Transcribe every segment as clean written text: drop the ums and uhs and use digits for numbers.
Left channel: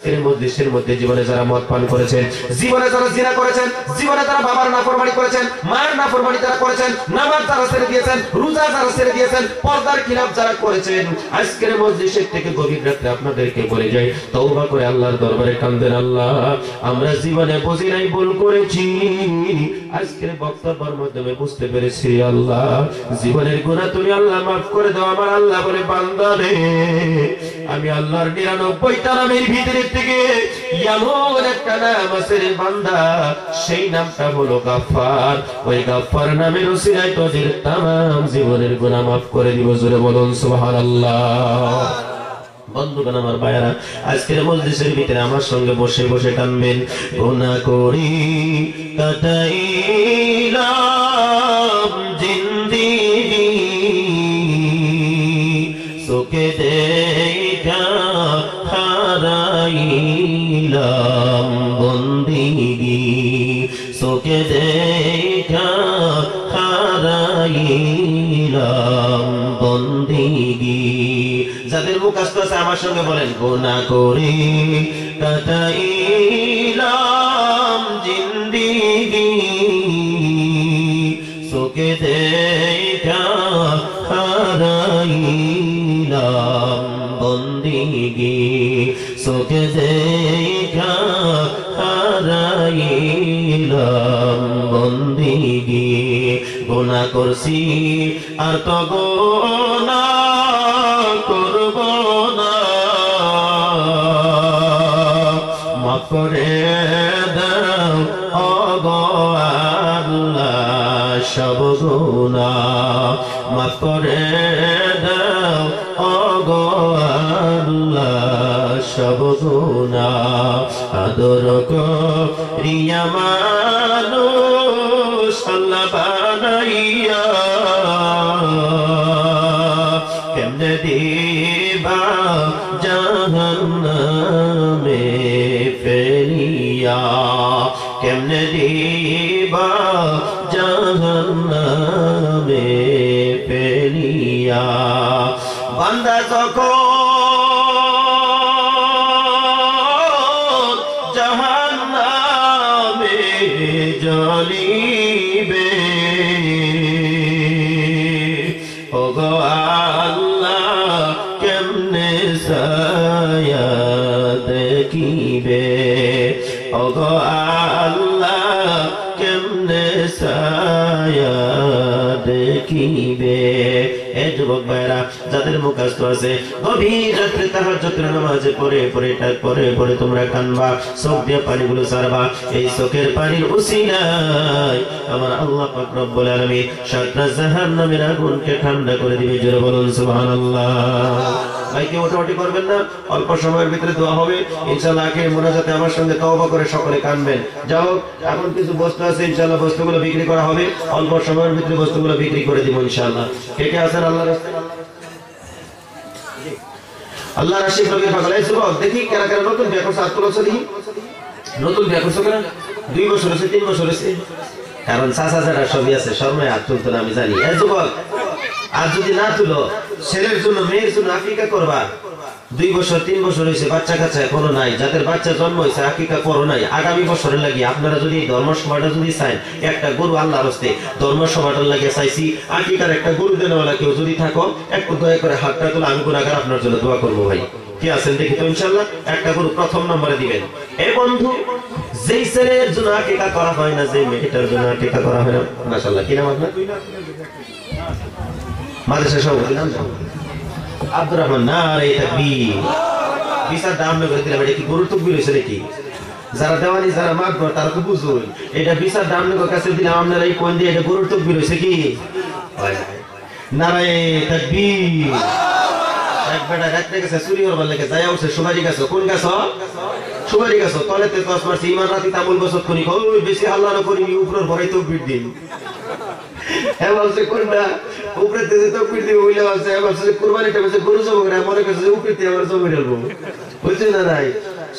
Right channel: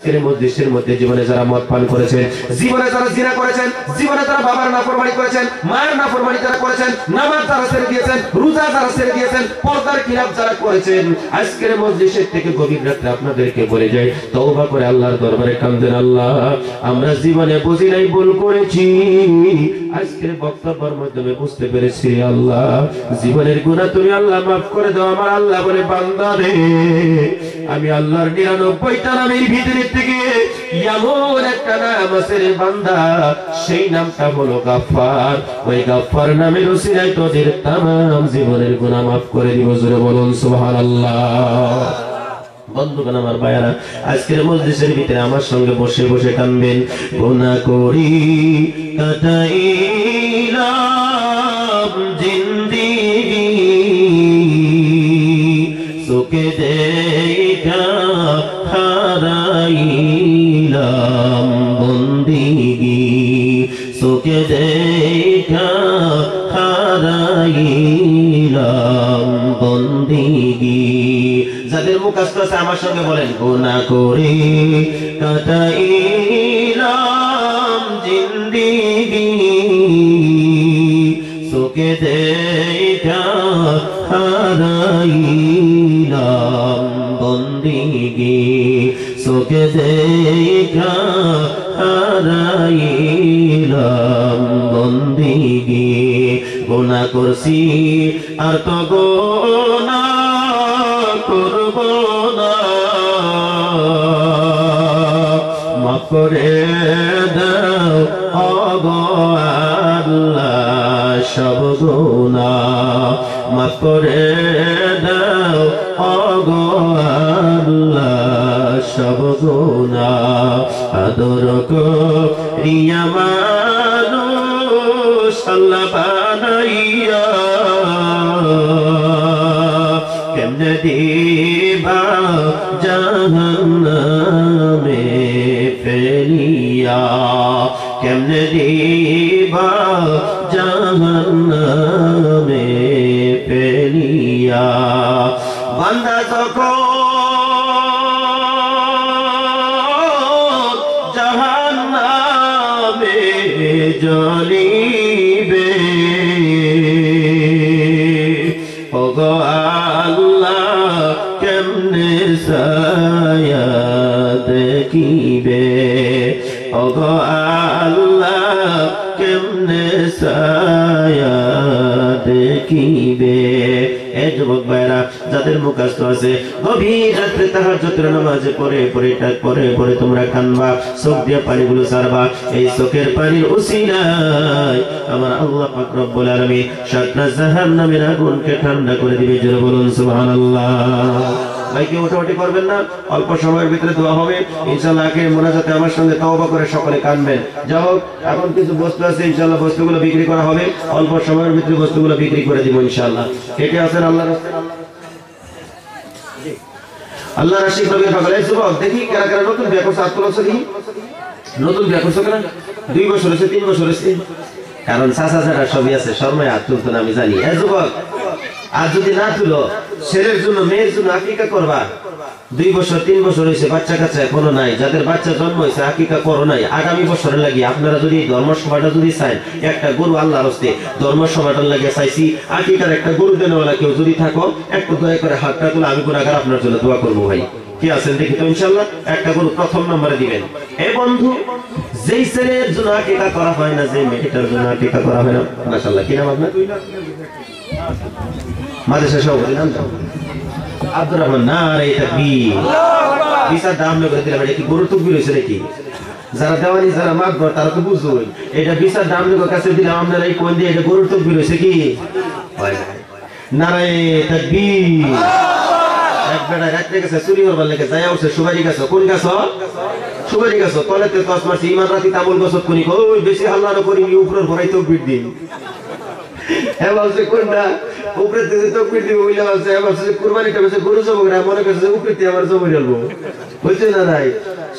মধ্যে জীবনে যারা মদ পান করেছেন, জীবনে যারা জিনা করেছেন, জীবনে যারা বাবার নাফরমানি করেছেন, মায়ের নাফরমানি যারা করেছেন, নামাজ যারা ছেড়ে দিয়েছেন, রোজা যারা ছেড়ে দিয়েছেন, পর্দার খিলাফ যারা করেছেন, আজকের মজলিসের থেকে গভীর রাতে আপনাদেরকে বলে যাই, তওবা করে আল্লাহর দরবারে কান্দেন, আল্লাহ আমরা জীবনে বুঝি নাই, ভুল করেছি, আজকের বক্তব্যের মাধ্যমে বুঝতে পেরেছি, আল্লাহ জীবনের গুনাহ তুমি আল্লাহ মাফ করে দাও। আমার আল্লাহ বলে, বান্দা রে আমি আল্লাহর 99টা নামের ভিতরে থেকে এমন একটা নাম আছে রে বান্দা, সেই নামটা হলো গাফফার। ওই গাফফার নামের ওসিলায় তোদের তামাম জীবনের গুনাহ মাফ করে দিব। জোরে বলুন সুবহানাল্লাহ। বন্ধুগণ আমার ভাইয়ারা, আজকের মজলিসের ভিতরে আমার সঙ্গে বসে বসে কানবেন। গুনাহ করি কাটাইলাম জিন্দেগি, সুখে দেখা হারাইলাম বন্দেগি, সুখে দেখা হারাইলাম বন্দেগি। যাদের মুখস্থ আছে আমার সঙ্গে বলেন, গুনাহ করে কাটাইলাম জিন্দেগি, সুখে দেখা হারাইলাম বন্দেগি, সুখে দেখা হারাইলাম বন্দেগি। গুনাহ করছি আর তো গুনাহ করব না, মাফ করে দাও ওগো আল্লাহ সব গুনাহ, মাফ করে দাও ওগো আল্লাহ সব গুনাহ। আদর করিয়া মানুষ আল্লাহ বানাইয়া, কেমনে দিবা জাহান্নামে ফেলিয়া, কেমনে দিবা জাহান্নামে ফেলিয়া। বান্দা যখন জাহান্নামে জ্বলিবে, ওগো আল্লাহ কেমনে ছায়া দেখিবে, ওগো আল্লাহ কেমনে ছায়া দেখিবে। এ যুবক ভাইরা, যাদের মুখস্থ আছে গভীর রাত্রে তাহাজ্জুদের নামাজে পড়ে পড়ে তোমরা কানবা, চোখ দিয়ে পানিগুলো ছাড়বা। এই চোখের পানির উসিলায় আমার আল্লাহ পাক রব্বুল আলামিন সাতটা জাহান্নামের আগুনকে ঠান্ডা করে দিবে। জোরে বলুন সুবহানাল্লাহ। ভাই কেউ ওঠাওঠি করবেন না, অল্প সময়ের ভিতরে দোয়া হবে ইনশাআল্লাহ। আগে মোনাজাতে আমার সঙ্গে তওবা করে সকলে কানবেন। যাই হোক, এখন কিছু বস্তু আছে ইনশাআল্লাহ, বস্তুগুলো বিক্রি করা হবে, অল্প সময়ের ভিতরে বস্তুগুলো বিক্রি করে দিব ইনশাআল্লাহ। কে কে আছেন আল্লাহর রাস্তায়? আল্লাহ রাশি নবী পাগল এই যুবক, দেখি কারা কারা নতুন বিয়ে করছে, হাত তুলছে দেখি। নতুন বিয়ে করছে কারা? 2 বছর হয়েছে, 3 বছর হয়েছে? কারণ চাচা যারা সবই আছে, শর্মায় হাত তুলতো না আমি জানি। এই যুবক, আর যদি না তুলো, ছেলের জন্য মেয়ের জন্য আকিকা করবা। 2 বছর 3 বছর হয়েছে, বাচ্চা কাচ্চা এখনো নাই, যাদের বাচ্চা জন্ম হয়েছে আকিকা করো নাই, আগামী বছরের লাগি আপনারা যদি ধর্মসভাটা যদি চান, একটা গরু আল্লাহর হস্তে ধর্মসভাটার লাগে চাইছি, আকিকার একটা গরু দেনওয়ালা কেউ যদি থাকো, একটু দয়া করে হাতটা তুলে আমি গুনাহগার আপনার জন্য দোয়া করবো। ভাই কি আছেন দেখি তো ইনশাআল্লাহ, একটা গরু প্রথম নম্বরে দিবেন। এই বন্ধু, যেই ছেলের জন্য আকিকা করা হয় না, যে মেয়েটার জন্য আকিকা করা হয় না, মাশাআল্লাহ, কি নাম আপনার? মাদ্রাসা সভাপতি নাম আব্দুর রহমান। না রে তাকবীর, বিচার দাম করে দিলাম। এটা কি গরুর তকবীর হয়েছে নাকি? যারা দেওয়ানি যারা মাগবো তারা তো বুঝুন, এটা বিচার দাম কাছে দিলাম, আপনারা এই কোন দিয়ে এটা গরুর তকবীর হয়েছে কি? নারে তাকবীর। এক বেটা রাত্রে গেছে চুরি করবার লেগে, যাই উঠছে সুপারি গাছ। কোন গাছ? সুপারি গাছ। তলেতে কস মারছি, ইমান রাতি তামুল গছত কোনি, ওই বেশি হাল্লা না করি, উপরের ভরাই তকবীর দিন। হ্যাঁ বলছে কোনটা উপরে থেকে তকবীর দিব বলে বলছে, হ্যাঁ বলছে কুরবানিটা বলছে গরু জব করে, মনে করছে উপরে দিয়ে আবার জমি ঢালবো, বুঝছে না? নাই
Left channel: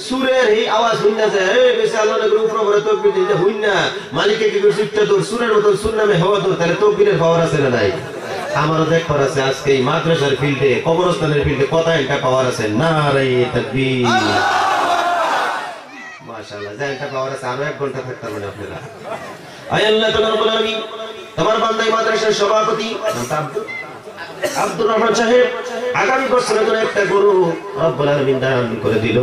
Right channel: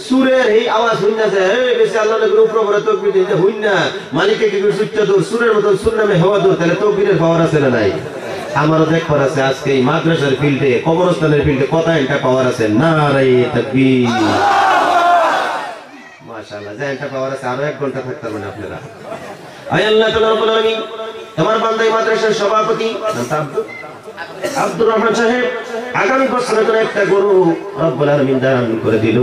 সুরের এই আওয়াজ হইন না যায়, এই বেশি আল্লাহ না করে উপরে ভরে তকবীর দিতে হইন না, মালিককে কি সুরটা দূর, সুরের মতন সুর নামে হওয়া দূর, তাহলে তকবীরের পাওয়ার আছে না নাই? আমারও দেখবার আছে আজকে এই মাদ্রাসার ফিল্ডে, কবরস্থানের ফিল্ডে কত একটা পাওয়ার আছে। নারে তাকবীর। মাশাআল্লাহ জায়গাটা পাওয়ার আছে আরো 1 ঘন্টা থাকতে পারবেন আপনারা আয় আল্লাহ তাআলা রব্বুল আলামিন তোমার বান্দা মাদ্রাসার সভাপতি আব্দুর রহমান সাহেব আগামী বছরের জন্য একটা গরু রব্বুল আলামিন দান করে দিল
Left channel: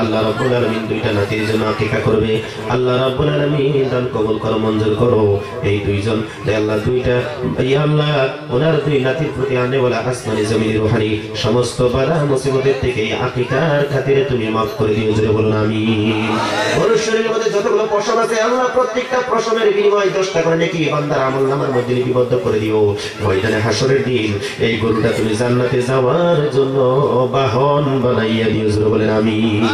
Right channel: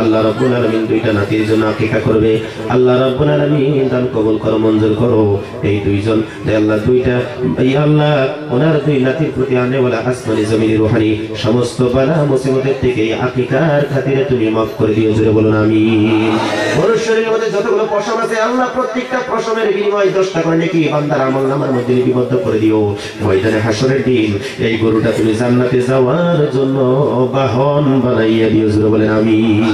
আল্লাহ রব্বুল আলামিন দুইটা নাতির জন্য আকিকা করবে আল্লাহ রব্বুল আলামিন দান কবুল করো মঞ্জুর করো এই দুইজন যে আল্লাহ দুইটা ইয়া আল্লাহ ওনার দুই নাতির প্রতি আনে বলা আসমানি জমিনের রুহানি সমস্ত বালা মুসিবতের থেকে আকিকার খাতিরে তুমি মাফ করে দিও জোরে বলুন আমিন গরুর শরীরের মধ্যে যতগুলো পশম আছে আল্লাহ প্রত্যেকটা পশমের বিনিময়ে 10টা করে নাকি বান্দার আমলনামার মধ্যে লিপিবদ্ধ করে দিও ময়দানে হাসরের দিন এই গরুটা তুমি জান্নাতে যাওয়ার জন্য বাহন বানাইয়া দিও জোরে বলেন আমিন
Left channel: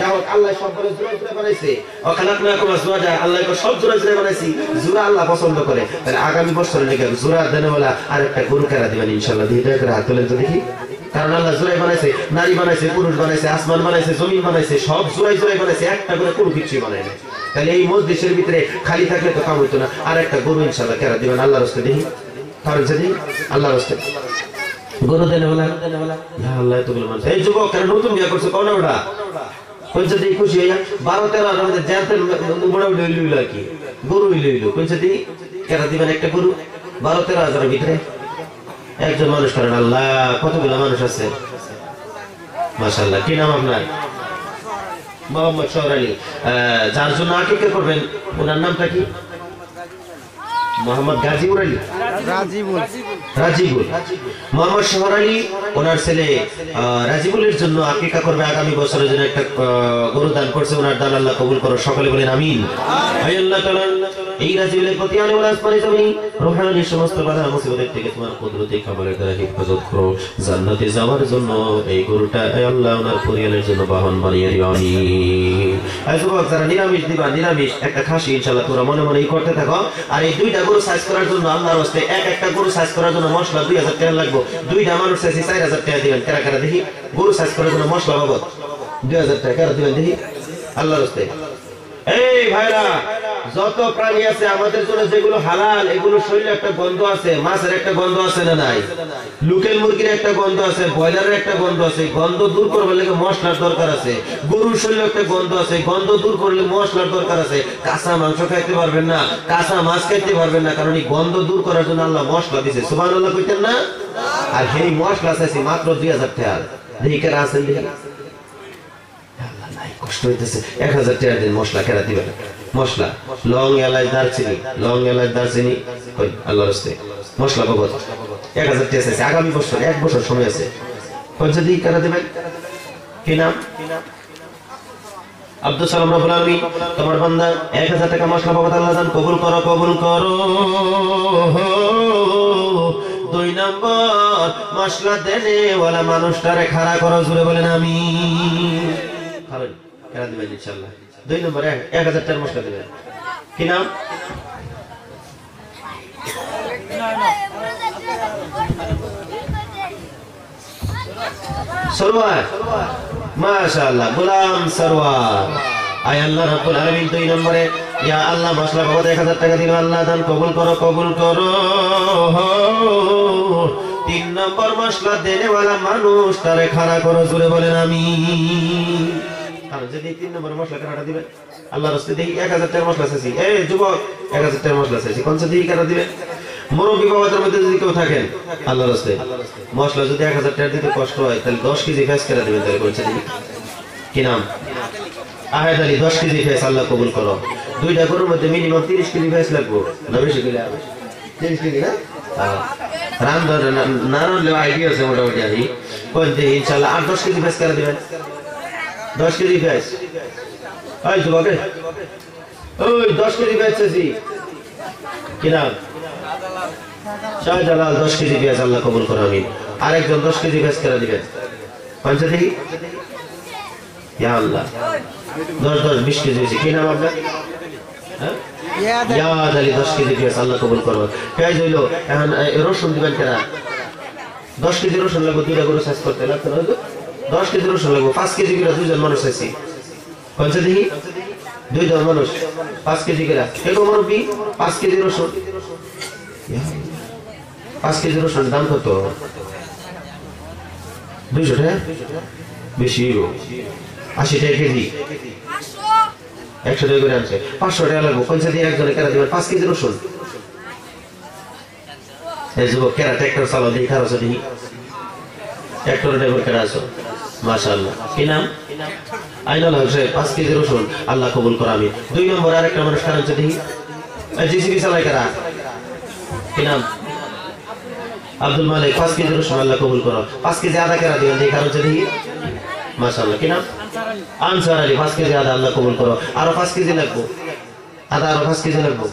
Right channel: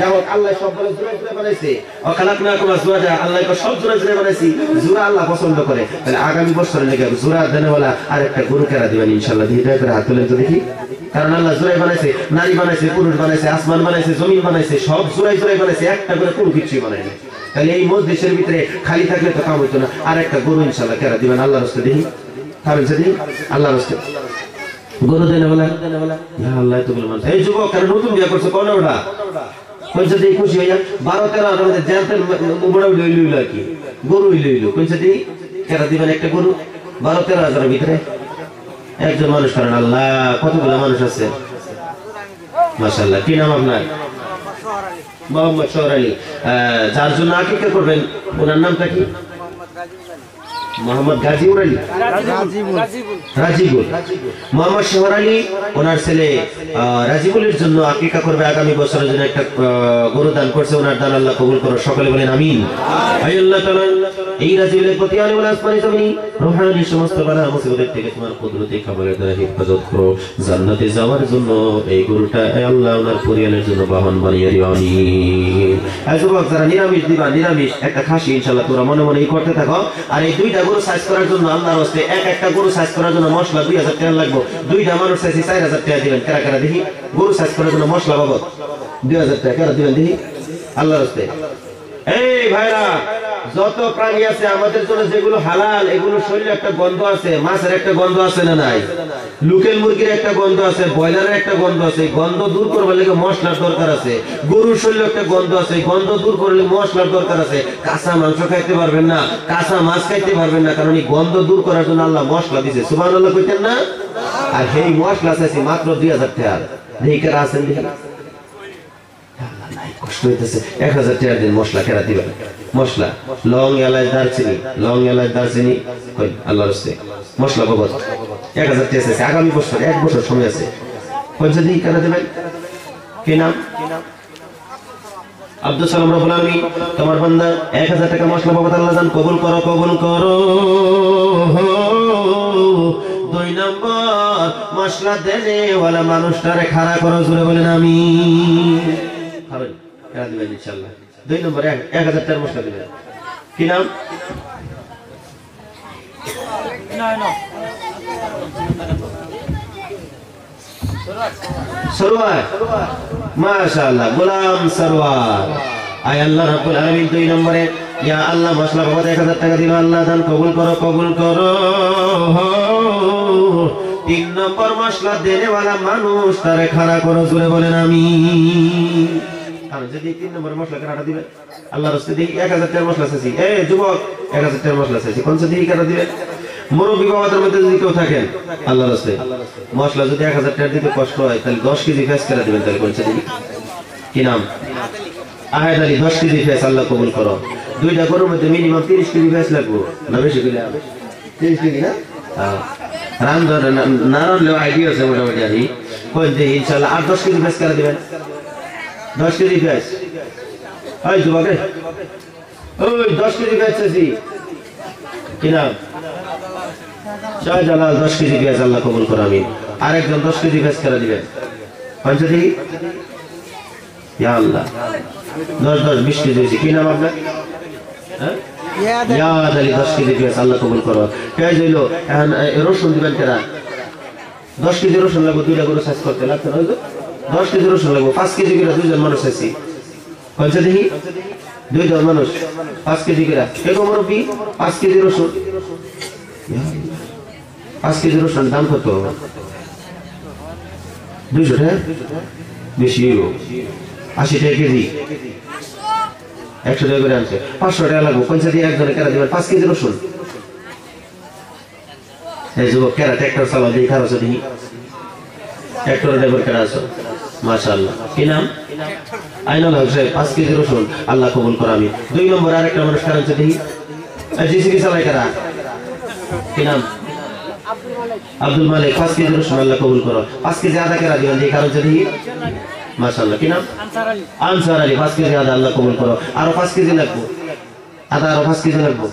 যাও আল্লাহ সবগুলো জোরে জোরে বানাইছে ও খালাকনাকুম আজওয়াজা আল্লাহ কো সব জোরে জোরে বানাইছি জোরা আল্লাহ পছন্দ করে তাহলে আগামী বছরে লেগে জোরা দেনেওয়ালা আরেকটা গরু কেরা দিবেন ইনশাআল্লাহ দিতে করে হাত তুলে তো দেখি কারণ আল্লাহ জোরাই বানাইছে নারী বানাইছে পুরুষ বানাইছে আসমান বানাইছে জমিন বানাইছে সব জোরাই জোরাই বানাইছে একটা করে কোনো কিছু বানায় না তাহলে এই মজলিসের ভিতরে খালি থাকলে তো কাম হইতো না আরেকটা গরু ইনশাআল্লাহ কেরা দিবেন আল্লাহর রাস্তায় দেখি কারণ যদি আল্লাহর রাস্তায় গরু দেনেওয়ালা ইয়া আল্লাহ তো বলমান এই যুবক কেন নতুন বিয়ে করছো কোন ওটা কইছে দি খুশি হইয়া 12-13 আর মধ্যে জানতেন বড় লইল কি গরু লইল কইছে দি কেরা দিবেন একটা গরু 12-13 হাজারের ভিতরে একজন মানুষ করেন আল্লাহ কতগুলো মানুষ আছে মাশাআল্লাহ কি নাম আপনার মোহাম্মদ শহর আলী যার জন্য আকিকা করবেন ওনার নামটা কি মোহাম্মদ গাজীপুর আলী রাজিবুল মোহাম্মদ শহর আলী ওনার ছেলে রাজিবুলের জন্য আকিকা করবে আগামী বছরের জন্য একটা গরু দান করছে ওনার দান আল্লাহ কবুল করো সকলে বলেন আমিন আয় আল্লাহ তাআলা এই রাজিবুলের প্রতি আলিমুল আসমানি তুমি রূহানি সমস্ত বালা মুসিবতের থেকে তোমার কুদরতি খাবারের দ্বারা হেফাজত করো জান্নাতে যাওয়ার জন্য এই গরুটা আয় আল্লাহ ওনার পরিবারের জন্য বাহন বানিয়ে দিও আমিন আয় যুবক যারা নিরামিষ দিবা নিরামিষ একটা খাসি ইনশাআল্লাহ তোমরা মনে মনে করতে থাকো আর এই দুইটা গরু সাইজ করার জন্য আল্লাহর রাস্তায় একটা গরু সাইজ করার জন্য মশলা 2000 টাকা লাগবে দুইটা মানুষ চাইছি 4000 টাকা দিবেন কারা কারা দেখি গরু সাইজ করার জন্য মশলা বাবদ 2000 টাকা দিবেন দেখি আল্লাহর রাস্তায় এই ভাইরা যত প্রাণী আছে আমাদের জন্য যেগুলো হালাল এগুলো শরীরে একটা গন্ধ আছে মাছের একটা গন্ধ আছে না নাই লোকাল মুরগির একটা গন্ধ আছে ব্রয়লারের একটা গন্ধ আছে গন্ধ দূর করবার লাগে মশলার দরকার আছে গরুর শরীরে একটা গন্ধ আছে গন্ধ দূর করলে মশলার দরকার আছে কাঁচা মাংস খাইতে পারবেন না কাঁচা মাছ খাইতে পারবেন না কারণ এই গন্ধ দূর করার জন্য আল্লাহ মশলা দিয়েছে সুবহানাল্লাহ কইতেন না আর সেই মশলা আছে মাত্র 2000 টাকা দেখি কারা আছেন দেখি কষ্ট হইতেছে 1000 টাকা দিন মশলা কেরা দিবেন মশলা লং এলাচ দারচিনি কই আল্লাহর রাস্তায় মশলা বাবদ 1000 টাকা আছে আগামী বছর 1 বছর সময় আছে পয়সা দিয়ে কেরা দিবেন কি নাম আব্দুল সালাম রব্বুল আলামিন তোমার বান্দা 1000 টাকা মশলা বাবদ আল্লাহ দান কবুল করো 2 নম্বর মশলা দেনে ওয়ালা মানুষটারে খাড়া করো জোরে বলেন আমিন খাবেন কেরা দিবেন ইনশাআল্লাহ 2 নম্বর 1000 টাকা মশলা দিবেন কি নাম সরওয়ার মাশাআল্লাহ গোলাম সরওয়ার আয় আল্লাহ রাব্বুল আলামিন 2 নম্বরে ইয়া আল্লাহ মশলা বাবদ 1000 টাকা দিল আল্লাহ দান কবুল করো 3 নম্বর মশলা দেনেওয়ালা মানুষ তারে খাড়া করো জোরে বলেন আমিন আর যদি 3 নম্বর মশলা কাটা দিবেন আল্লাহর রাস্তায় দেখি 1000 টাকা মশলা চাইছি এই যুবক 1000 টাকা মশলা চাইছি কোন সাথে কাটা দিবেন মুরব্বি বাবাদের মধ্যে যদি কেউ থাকেন আল্লাহর রাস্তায় মশলা যদি 1000 টাকা দিতে কষ্ট হয় তাহলে 10 কেজি ফেস করে দিবেন তাহলে কোন সাথে কি নাম আহাদ আলী 10 কেজি ফেস আল্লাহ কবুল করো দুইটা গরুর মধ্যে মিনিমাম 30 কেজি ফেস লাগবে না বেশি করে 30 কেজি না রান্নার নারলে আইডিয়া আছে মোটামুটি আমি কোন দিন ইনশাআল্লাহ 8-10 কেজি ফেস করে দিবেন 10 কেজি ফেস এই যুবক ওই 10 কেজি ফেস আছে কি নাম শাহজালাল 10 কেজি ফেস আল্লাহ কবুল করো আমিন আরেকজন 10 কেজি ফেস করে দিবেন পঞ্চ দেখি ইয়া আল্লাহ 10 20 কেজি কি নাম আপনার হ্যাঁ ইয়াদ আলী 10 কেজি ফেস আল্লাহ কবুল করো পেঁয়াজ হইলো এখন রসুন দিবেন কেনা 10 কেজি রসুন লাগবে দুইটা গরু সাইজ করতে লাগবে হয়তো 10 কেজি রসুন লাগবে 5 কেজি করে দুইজন মানুষ আছি পঞ্চ দেখি দুইজন মানুষ 5 কেজি করে এরকম মুরব্বি 5 কেজি রসুন 5 কেজি রসুন দাম কত 200 টাকা বেশি 80 টাকা কেজি 100 টাকা করে আনছে 500 টাকা লাগবে পঞ্চায়েত দিয়ে একজনে কেরা দিবেন 5 কেজি রসুন এই যুবক কেরা ট্রাক্টর চালাও দিয়ে খারাপ আছে ট্রাক্টর ড্রাইভার কেরা আছো মাশাআল্লাহ কি নাম আইনাল হোসেন 5 কেজি রসুন আল্লাহ কবুল করো আমি 2 নম্বর আরেকটা মানুষ কারণ আছে দেখি জিসিবি চালাই কারা কি নাম আব্দুল মালিক 5 কেজি রসুন আল্লাহ কবুল করো 5 কেজি আদা কেরা দিবেন এই কারণ আছে দেখি মাশাআল্লাহ কি নাম আনসার আলী 5 কেজি আদা আল্লাহ কবুল করো আরো 5 কেজি লাগবে আদা আরো 5 কেজি লাগবে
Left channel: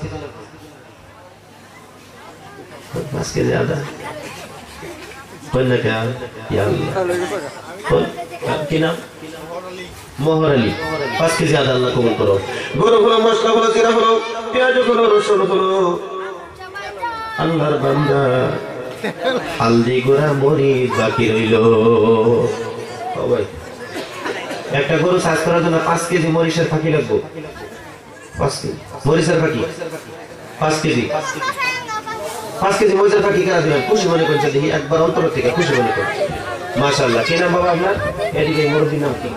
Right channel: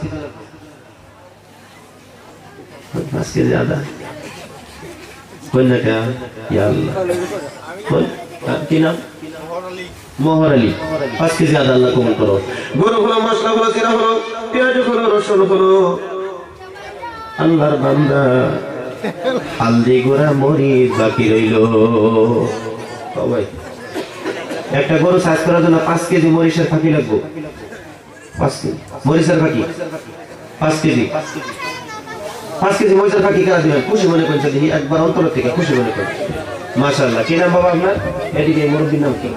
5 কেজি আদা কোন না क्या या अल्लाह কোন কি নাম মোহর আলী 5 কেজি আদা আল্লাহ কবুল করো গরু হলো মশলা হলো জিরা হলো পেঁয়াজ হলো রসুন হলো আল্লাহর বান্দা হালদি গুঁড়া মরিচ বাকি রইল ভাই একটা গরু সাইজ করার জন্য 5 কেজি মরিচের ফাঁকি লাগবে 5 কেজি মরিচের ফাঁকি 5 কেজি 5 কেজি মরিচের ফাঁকি করা দিবেন খুশি মনে করছে দেখি একবার অন্তর থেকে খুশি মনে করছে মাশাআল্লাহ কি নাম বাবা আপনার এদিকে মুরব্বির নাম কি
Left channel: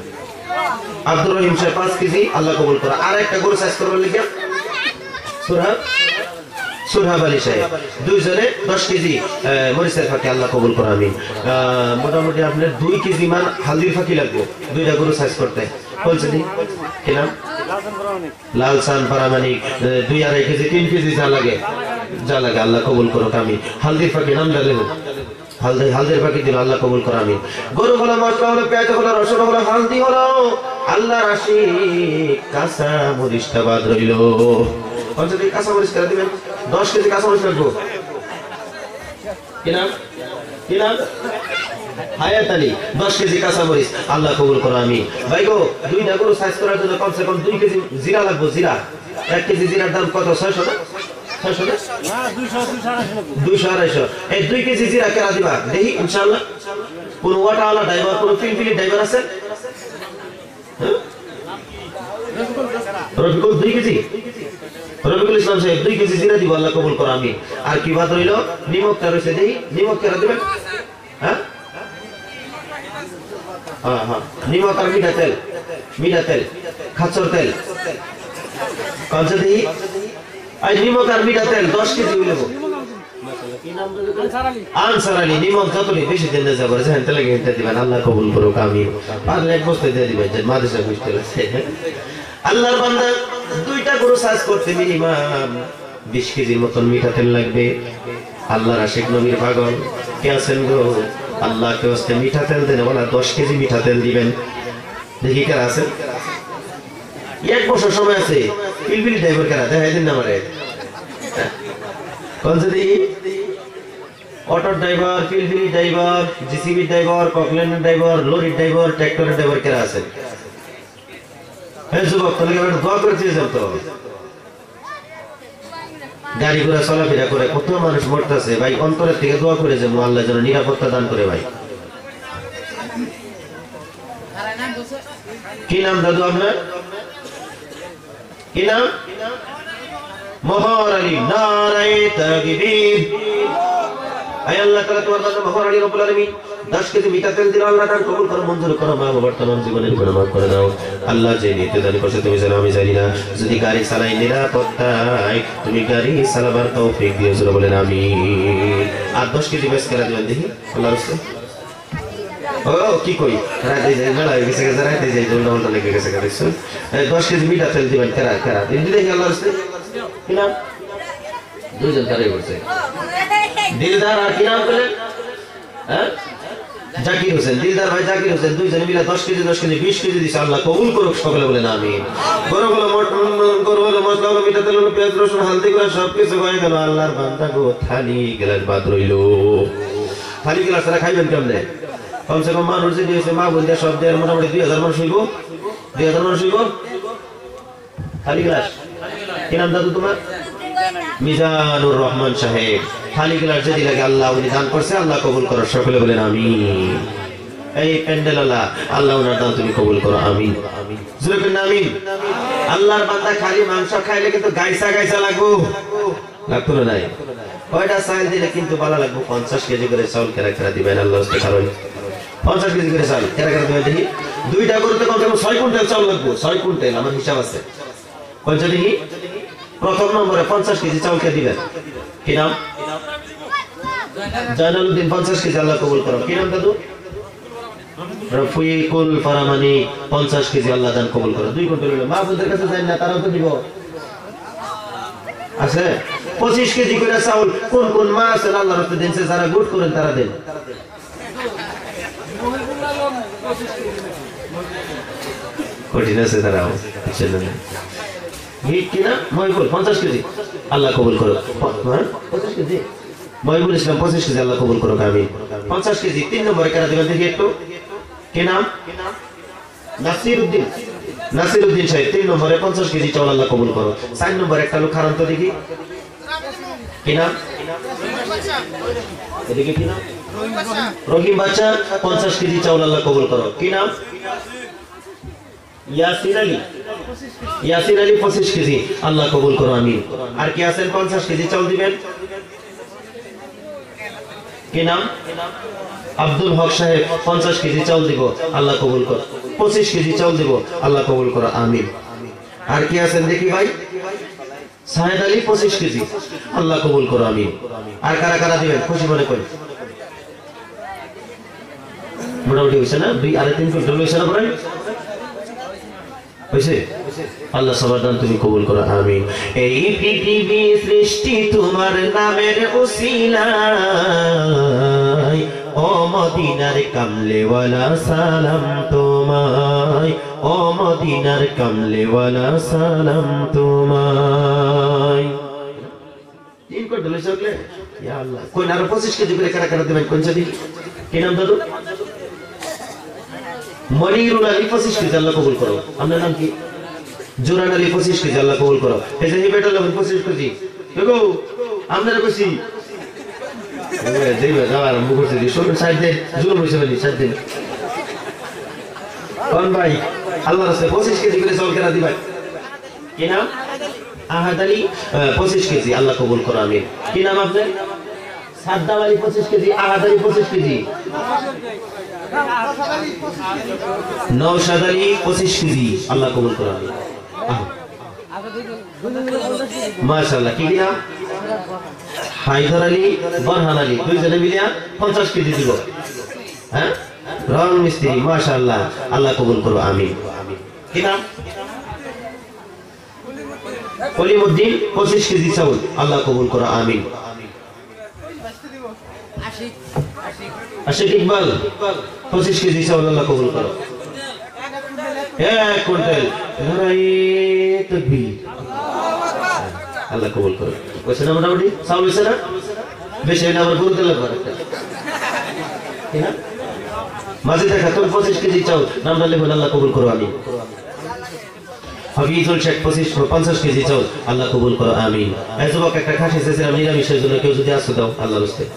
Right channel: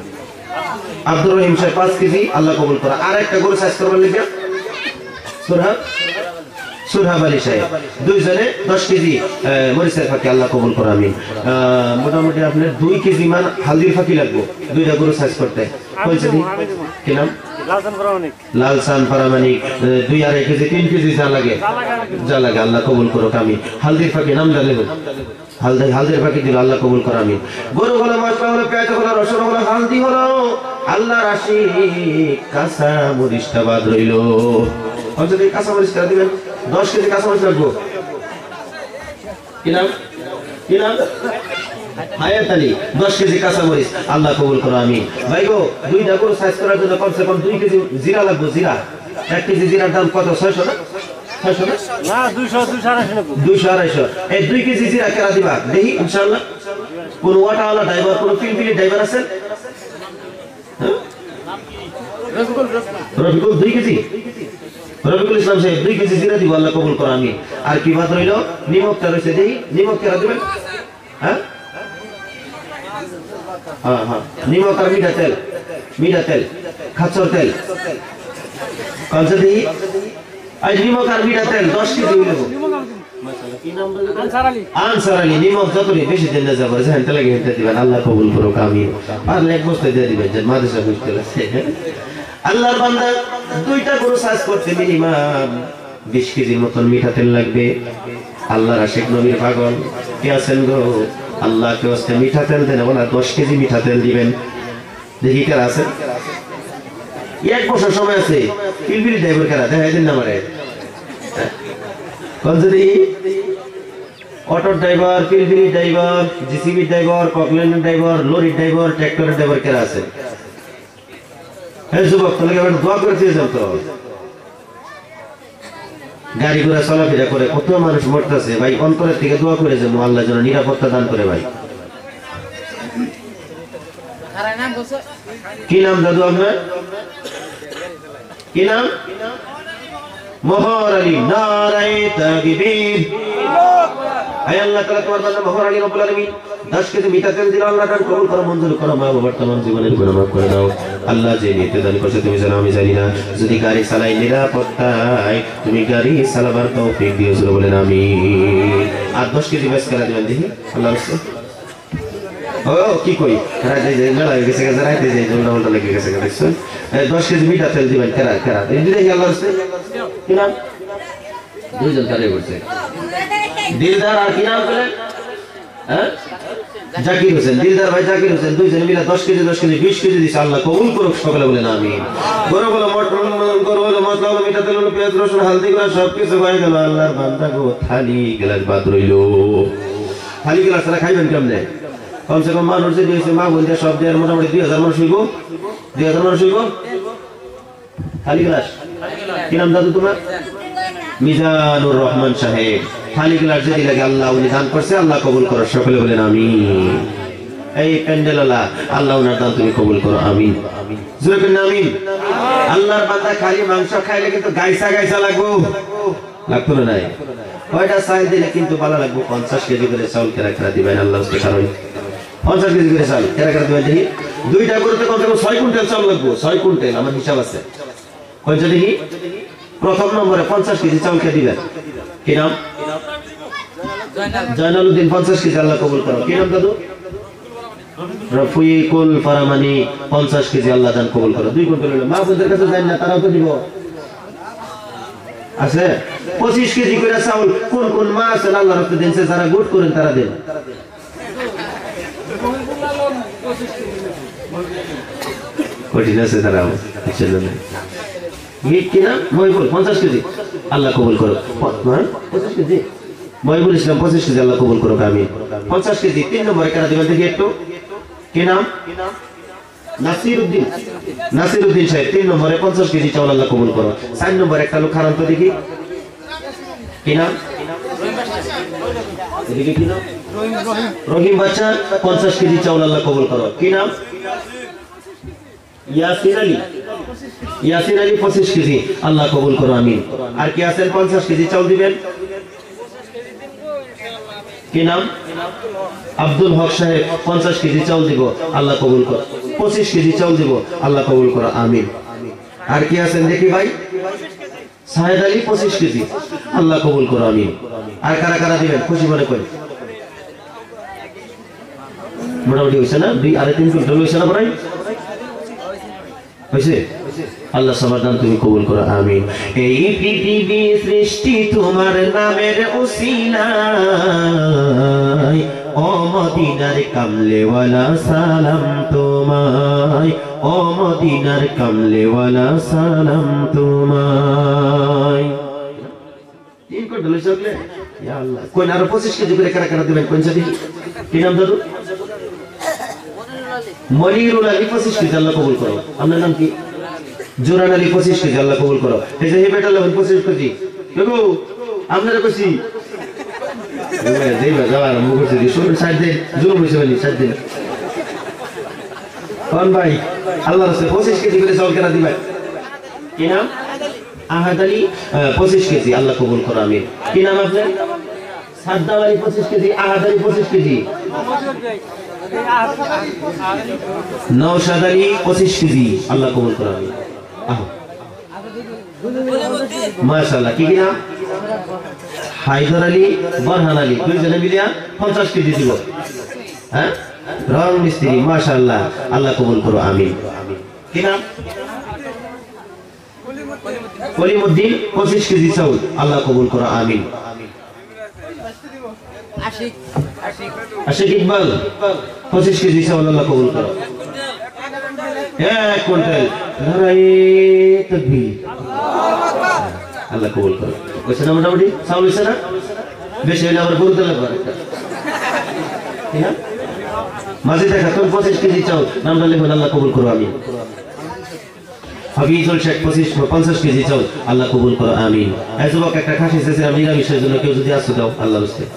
আব্দুর রহিম সাহেব 5 কেজি আল্লাহ কবুল করো আর একটা গরু সাইজ করবেন লিখে সুরহাব আলী সাহেব দুইজনে 10 কেজি মরিচের ফাঁকি আল্লাহ কবুল করো আমিন মোটামুটি আপনার 2 কেজি মান হালদির ফাঁকি লাগবে দুইটা গরু সাইজ করতে বলছে দি কি নাম লালসান পারামানিক 2.5 কেজি 3 কেজি যা লাগে আল্লাহ কবুল করো আমিন হালদির ফাঁকি নাম জানেন হালদির ফাঁকি দিল আল্লাহ কবুল করো আমিন গরু হলো মশলা হলো পেঁয়াজ হলো রসুন হলো হালদি হলো আল্লাহ রাশি কাঁচা মরিচটা বাদ রইল যদি কাঁচা মরিচ করে দিবেন 10 কেজি কাঁচা মরিচ লাগবে কি নাম হায়াত আলী 10 কেজি কাঁচা মরিচ আল্লাহ কবুল করো আমিন ভাই গো দুইটা গরু সাইজ করার জন্য কমসে কম 2 কেজি জিরা লাগবে জিরা 1 কেজি জিরার দাম কত 600 না 600 না 200 এই 2 কেজি জিরা কেরা দিবা দেখি ইনশাআল্লাহ কোন ওয়াটাওয়ালা ড্রাইভার কোন পিলপিলি ড্রাইভার আছেন রফিকুল 2 কেজি রফিকুল ইসলাম সাহেব 2 কেজি জিরা দিব আল্লাহ কবুল করো আমিন আর কি বাদ রইল নিমকটা রয়েছে দেখি নিমক কেরা দিবেন হ্যাঁ হ্যাঁ নিমক আর মিঠা তেল খাচ্চর তেল কনসে দেখি আই নিমক আর মিঠা তেল 10 কেজি হইলো আনসার আলী নিমক যতই বেশি দিন যাবে জানেন তেলে গেতে দিবেন আল্লাহ কবুল করুক আমিন পারলে এক বস্তা দিয়ে দিবেন যে মাদ্রাসা বুঝতে আছে আল্লাহর বান্দা দুইটা গরু সাইজ করতে মিনিমাম 20 কেজির মতন মিঠা তেল লাগবে আল্লাহর আশিক নবীর পাগল কে আছেন গো আল্লাহকে ওয়াস্তে মিঠা তেল দেন বলা 10 কেজি মিঠা তেল দিবেন দেখি কার আছে এক বছর সময় আছে পিলপিলি ড্রাইভার কারা দেখাই দেন না আমারে কোন যদি অটো ড্রাইভার পিলপিলি ড্রাইভার জিসিবি ড্রাইভার ককল্যান্ড driver lorry driver tractor driver কারা আছে এই যুবক তোকে একবার দোয়া করে দিয়েছেন তো গাড়ি ঘোড়া চলাফেরা করে কত মানুষ মরতেছে ভাই অন্তরের থেকে দোয়া করে যে আল্লাহ যেন নিরাপত্তা দান করে ভাই কি নাম দাদু আপনার কি নাম মোহর আলী নারায়ে তাকবীর আয় আল্লাহ তাআলা তোমার বান্দা মোহর আলী রব্বুল আলামিন 10 কেজি মিঠা তেল দিল আল্লাহ তাআলা কবুল করো মঞ্জুর করো মা বাবার तमाम জীবনের গুনাহ মাফ করে দাও আল্লাহ যে নিতে দান করছে তুমি জানো আমি জানি না যদি গাড়ি চালাই নিরাপত্তায় তুমি গাড়ি চালাবার তৌফিক দিও জোরে বলেন আমিন আর 10 কেজি বেশ করে দিবেন দেখি আল্লাহর রাস্তায় ও কি কই রাতে যে মেলা হয়ে গেছে রাতে যে জোনটা লেগে গেছে দেখছো 10 কেজি মিঠা তেল দিবেন কারা এই দেখি আল্লাহর রাস্তায় কি নাম দুইজন তারে বলছে দিলদার আর কি নাম বলেন হ্যাঁ জাকির হোসেন দিলদার ভাই জাকির হোসেন দুইজন মিলে 10 কেজি 20 কেজি দিছে আল্লাহ কবুল করুক সকলে বলেন আমিন গরুগুলো গরুগুলো মশলা হলো মিঠা তেল হলো পেঁয়াজ রসুন হালদি করে সবকিছু হয়ে গেল আল্লাহর বান্দা গো থালি গ্লাস বাদ রইলো থালি গ্লাস তারা খাইবেন কেমনে কমসে কম মানুষ যে দিয়েছে মা বোনদের সব দিয়ে মোটামুটি 2000 মানুষ হইব 2000 মানুষ হইব থালি গ্লাস কি নাম দাদু তোমার মিজানুর রহমান সাহেব থালি গ্লাস যদি লাগে আল্লাহ উনি দান করছে আল্লাহ কবুল করো সকলে বলেন আমিন এই প্যান্ডেলওয়ালা আল্লাহ ওনার দান তুমি কবুল করো আমিন জোরে বলেন আমিন আল্লাহর বান্দা খালি মাংস খাইলে কিন্তু গাইসা লাগতো না নাই কয়টা চাল দিলে কিন্তু ভালো লাগবে 50 কেজি করে চাউল কেরা দিবেন আল্লাহ উস্তে কারণ 50 কেজি করে চাল কেরা দিবেন দেখি দুইটা গরুতে কমসে কম 6 কুইন্টাল চাউল লাগবে 6 কুইন্টাল আমার হিসাব আছে কয়টা দেখি প্রথম নম্বরে 50 কেজি চাউল কে দিবেন কি নাম জানালউদ্দিন 50 কেজি আল্লাহ কবুল করো কি নাম দাদু রফিকুল ফারামানি 50 কেজি আল্লাহ দান কবুল করো 2 কুইন্টাল হলো মা বোনদের কাছে যান না তারাও তো দিব আছে 25 কেজি করে চাউল কোন কোন মা আছেন আল্লাহর রাস্তায় দেনছে যারা গুড করেন তারা দেন কঠিন আছে তারাও বুঝলেন না কি কিনা মহিবুল 50 কেজি আল্লাহ কবুল করো 50 কেজি মহিবুল ইসলাম 25 কেজি আল্লাহ কবুল করো আমিন 50 কেজি 3 নম্বরে কারা দিবেন দেখি একটু কি নাম নাসিরউদ্দিন সাহেব 3 নম্বরে 50 কেজি চাউল আল্লাহ কবুল করো 4 নম্বরে একটা লোক খারাপ তো দেখি কি নাম এদিকে কি নাম রহিম বাচ্চা 50 কেজি চাউল আল্লাহ কবুল করো কি নাম ইয়াসির আলী 25 কেজি আল্লাহ কবুল করো আমিন আর কি আছেন 50 কেজি চাউল দিবেন কি নাম আব্দুল হক সাহেব 50 কেজি চাউল দিব আল্লাহ কবুল করো 25 কেজি চাউল দিব আল্লাহ কবুল করো আমিন আর কি আছেন দেখি ভাই সাহেদ আলী 25 কেজি আল্লাহ কবুল করো আমিন আর কারা কারা দিবেন খুশি মনে করেন মোটামুটি হইছে না 2 আর 3 কুইন্টাল হইছে না ভাই হইছে আল্লাহ সবার দান তুমি কবুল করো আমিন এই পৃথিবী সৃষ্টি তোমার নামের উসিলায় ও মদিনার কামলেওয়ালা সালাম তোমায় ও মদিনার কামলেওয়ালা সালাম তোমায় তিন কোট ধরে চলে ইয়া আল্লাহ কোন আর 25 কেজি করে কারা কারা দিবেন কোন সাথে কি নাম দাদু মনিরুল আলী 25 কেজি আল্লাহ কবুল করো আপনার নাম কি জোরান আলী 25 কেজি আল্লাহ কবুল করো এই যে বেটা লাগবে 25 কেজি দেখো আপনারা কইছি দেইবা যাওয়ার মুখ করে দিই শুনুন সাইড দে জুলুম হইছে বলি সাইড দে কোন ভাই আল্লাহর রাস্তায় 25 কেজি করে চাউল কেনা দিবেন কি নাম আহাদ আলী 25 কেজি আল্লাহ কবুল করো আমিন কি নাম আপনার সাদ্দাম আলী 25 কেজি আহাদ আলী 25 কেজি নওশাদ আলী 25 কেজি আল্লাহ কবুল করো আমিন মাশাআল্লাহ কি নাম হায়দার আলী বরহান আলী দুইজনে মিলে 50 কেজি দিব হ্যাঁ রং মিস্ত্রি মাশাআল্লাহ আল্লাহ কবুল করো আমিন কি নাম কলিমউদ্দিন 25 কেজি চাউল আল্লাহ কবুল করো আমিন আশিক ইকবাল 25 কেজি চাউল আল্লাহ কবুল করো 1 কুইন্টাল নারায়ে তাকবীর আল্লাহ কবুল করো কইছে না মোটামুটি চাউল হইছে না বেশি হইলে আবার বলতে লাগবে একটা ঠিক না মাঝে দেখা কোন 25 কেজি চাউল নামটা লিখুন আল্লাহ কবুল করো আমিন হাফিজুল শেখ 50 কেজি চাউল আল্লাহ কবুল করো আমিন এই যুবক একটা খাসি চেয়েছিলাম নিরামিষের জন্য কেউ যদি আসতে দাও আল্লাহর রাস্তায়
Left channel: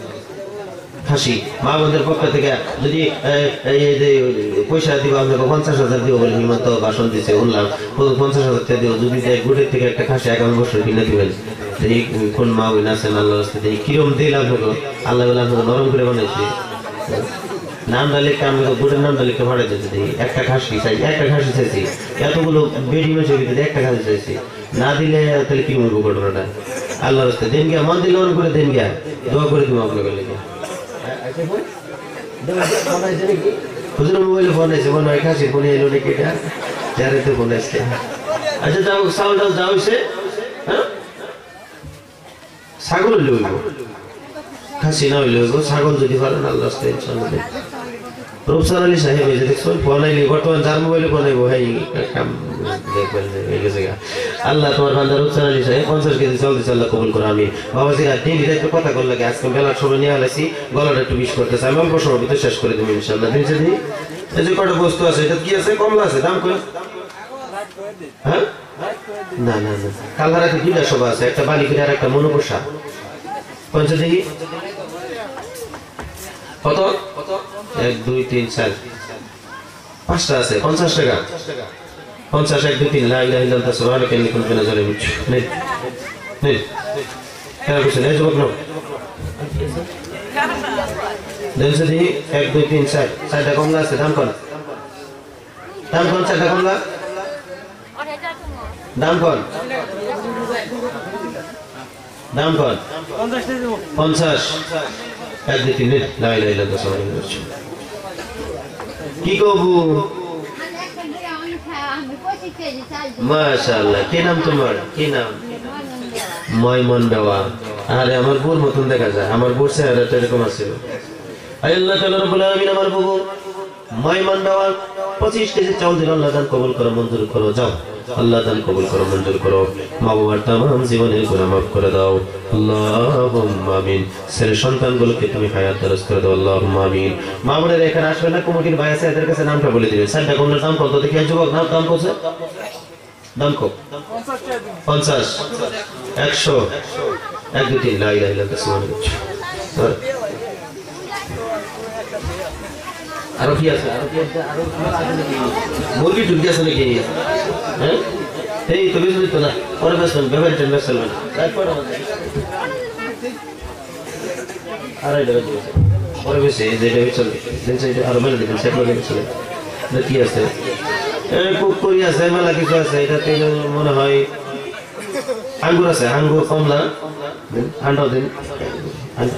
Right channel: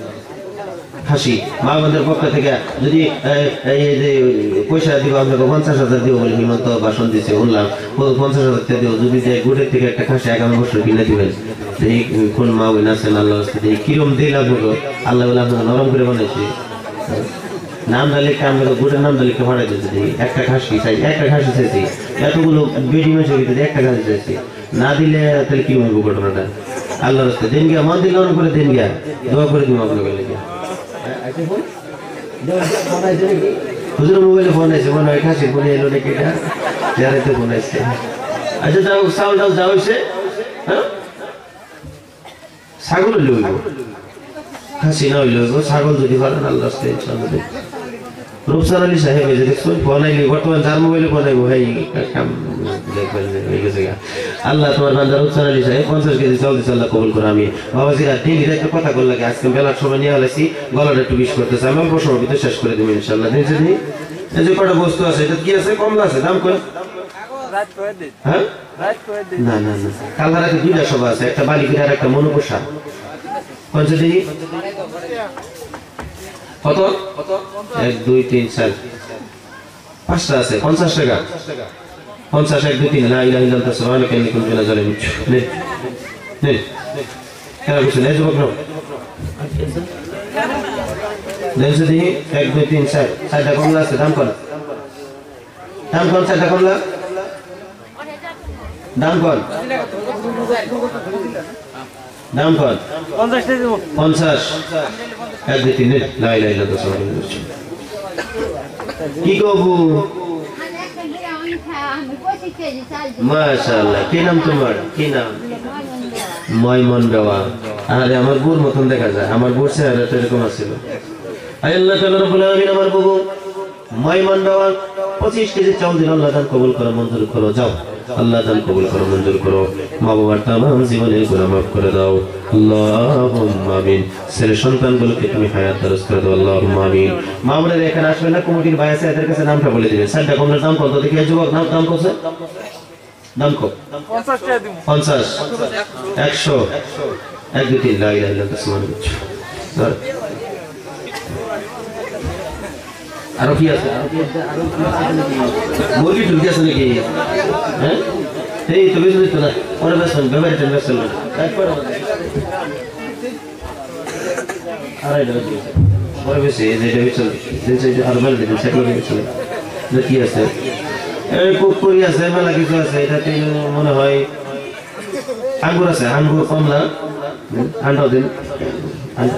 খাসি মা আমাদের পক্ষ থেকে যদি এই যে পয়সা দিব আপনাকে 50,000 দিব বলে হিমন্ত ভাষণ দিচ্ছে শুনলাম 50,000 টাকা দিও যদি যাই গুড়ের থেকে একটা খাসি 51 বছর কিনে দিবেন এই কোন মা ওই নাচেন আল্লাহর রাস্তায় এই কিরম দিল আপনাকে আল্লাহ বলে আপনাকে নরম করে বানাইছে নাম ডালিকে আমরা গুড়ের নাম ডালিকে ফাড়াই দিয়েছি একটা খাসি চাই একটা খাসি চাইছি এতগুলো বেডি মেশে ভিতরে একটা খাসি চাইছি না দিলে তাহলে কি বলবো ঘটনাটা আল্লাহর রাস্তায় দিন গিয়া মন দিল করে দিন গিয়া দোয়া করে দিব আপনাকে লেগে হুজুর মোবাইলে ফোন আছে মনে হয় খাসি ফোনে এলো নাকি এটা যারাতে ফোন আসছে আচ্ছা তাও চাউল টাউল যা হয়েছে হ্যাঁ ছাগল হইলে হইব খাসি না হইলে হইব ছাগল যদি পারেন আল্লাহ ইনশাআল্লাহ রূপসার আলী সাহেব এই যে দেখছেন ফোন আইলে বর্তমান যার মোবাইলে ফোন আইব ভাই দেখবেন আল্লাহ তোমার বান্দা রূপসার আলী সাহেব 50 কেজি চাউল দিচ্ছে আল্লাহ কবুল করো আমি বাবাজি আর দিন একটু কথা বল লাগে আজকে বেলার সময় নিয়ে আলাইছি গলাটা একটু বিষ করতেছে আমি অল্প সময় ভিতরে শেষ করে দেবো ইনশাআল্লাহ দিনছে দিই এই যে কটা বস্তু আছে এটা কি আছে কমলা আছে দাম কত হ্যাঁ না না না কাল রাতে দুইটা সভা আছে একটা বালিকা আর একটা মনোপোষা পঞ্চাশ দেখি কত 1 2 3 4 5টা আছে 50 টাকা 50 1 2 3 লা ইলাহা ইল্লাল্লাহ সুবহানাকা ইন্নী কুনতু মিনাজ জালিমিন নে নে কেন বসে নে যুবক নাও দেন যদি 1 2 3 4 চারটা কমলা আছে দাম কত দাম কোন চারটা কমলা দাম কোন দাম কোন 50 এক দুই তিন লাই লাই লাই কি কবু মাশাআল্লাহ কি নাম তোমার কি নাম ময়মন দেওয়া আরে আমার বোর মতন দেখা যায় আমার বোর চেহারাটা এরকম আছে আল্লাহ তাআলা রব্বুল আলামিন আমার বাবু ময়মন দেওয়া 25 কেজি চাউল দিল আল্লাহ দান কবুল করো মঞ্জুর করো যাও আল্লাহ দান কবুল করো মঞ্জুর করো মা বাবার तमाम জীবনের গুনাহ maaf করে দাও আল্লাহুম্মা আমিন ছেলে সন্তানগুলোকে তুমি হায়াত দারাজ করে দাও আল্লাহুম্মা আমিন মা বোনেরা এখানে আসবেন না কমিটির ভাই আছে এদের কাছে নামটা বলে দিবেন সাইডটা কোন দাম কত দেখি যুবক নাম দাম কত দাম কত 50 টাকা দিন 50 100 এক দুই তিন লা ইলাহা ইল্লাল্লাহ সুবহানাল্লাহ আরো কি আছে মুরগি টুলকি আছে নাকি হ্যাঁ এই তো বেশ তো না পরে বেসন ব্যবহার টেন বেসন তারপর আড়াই টাকা দিয়েছে পরে বেশি এই যেটা বেসন যেটা আর মেলা দিবেন সেগুলো বেসন কি আছে এই পুকুরি আছে মেলা কিছু আছে এটাতে মনে হয় আঙ্গুর আছে আঙ্গুর কমলা আন্ডা দিন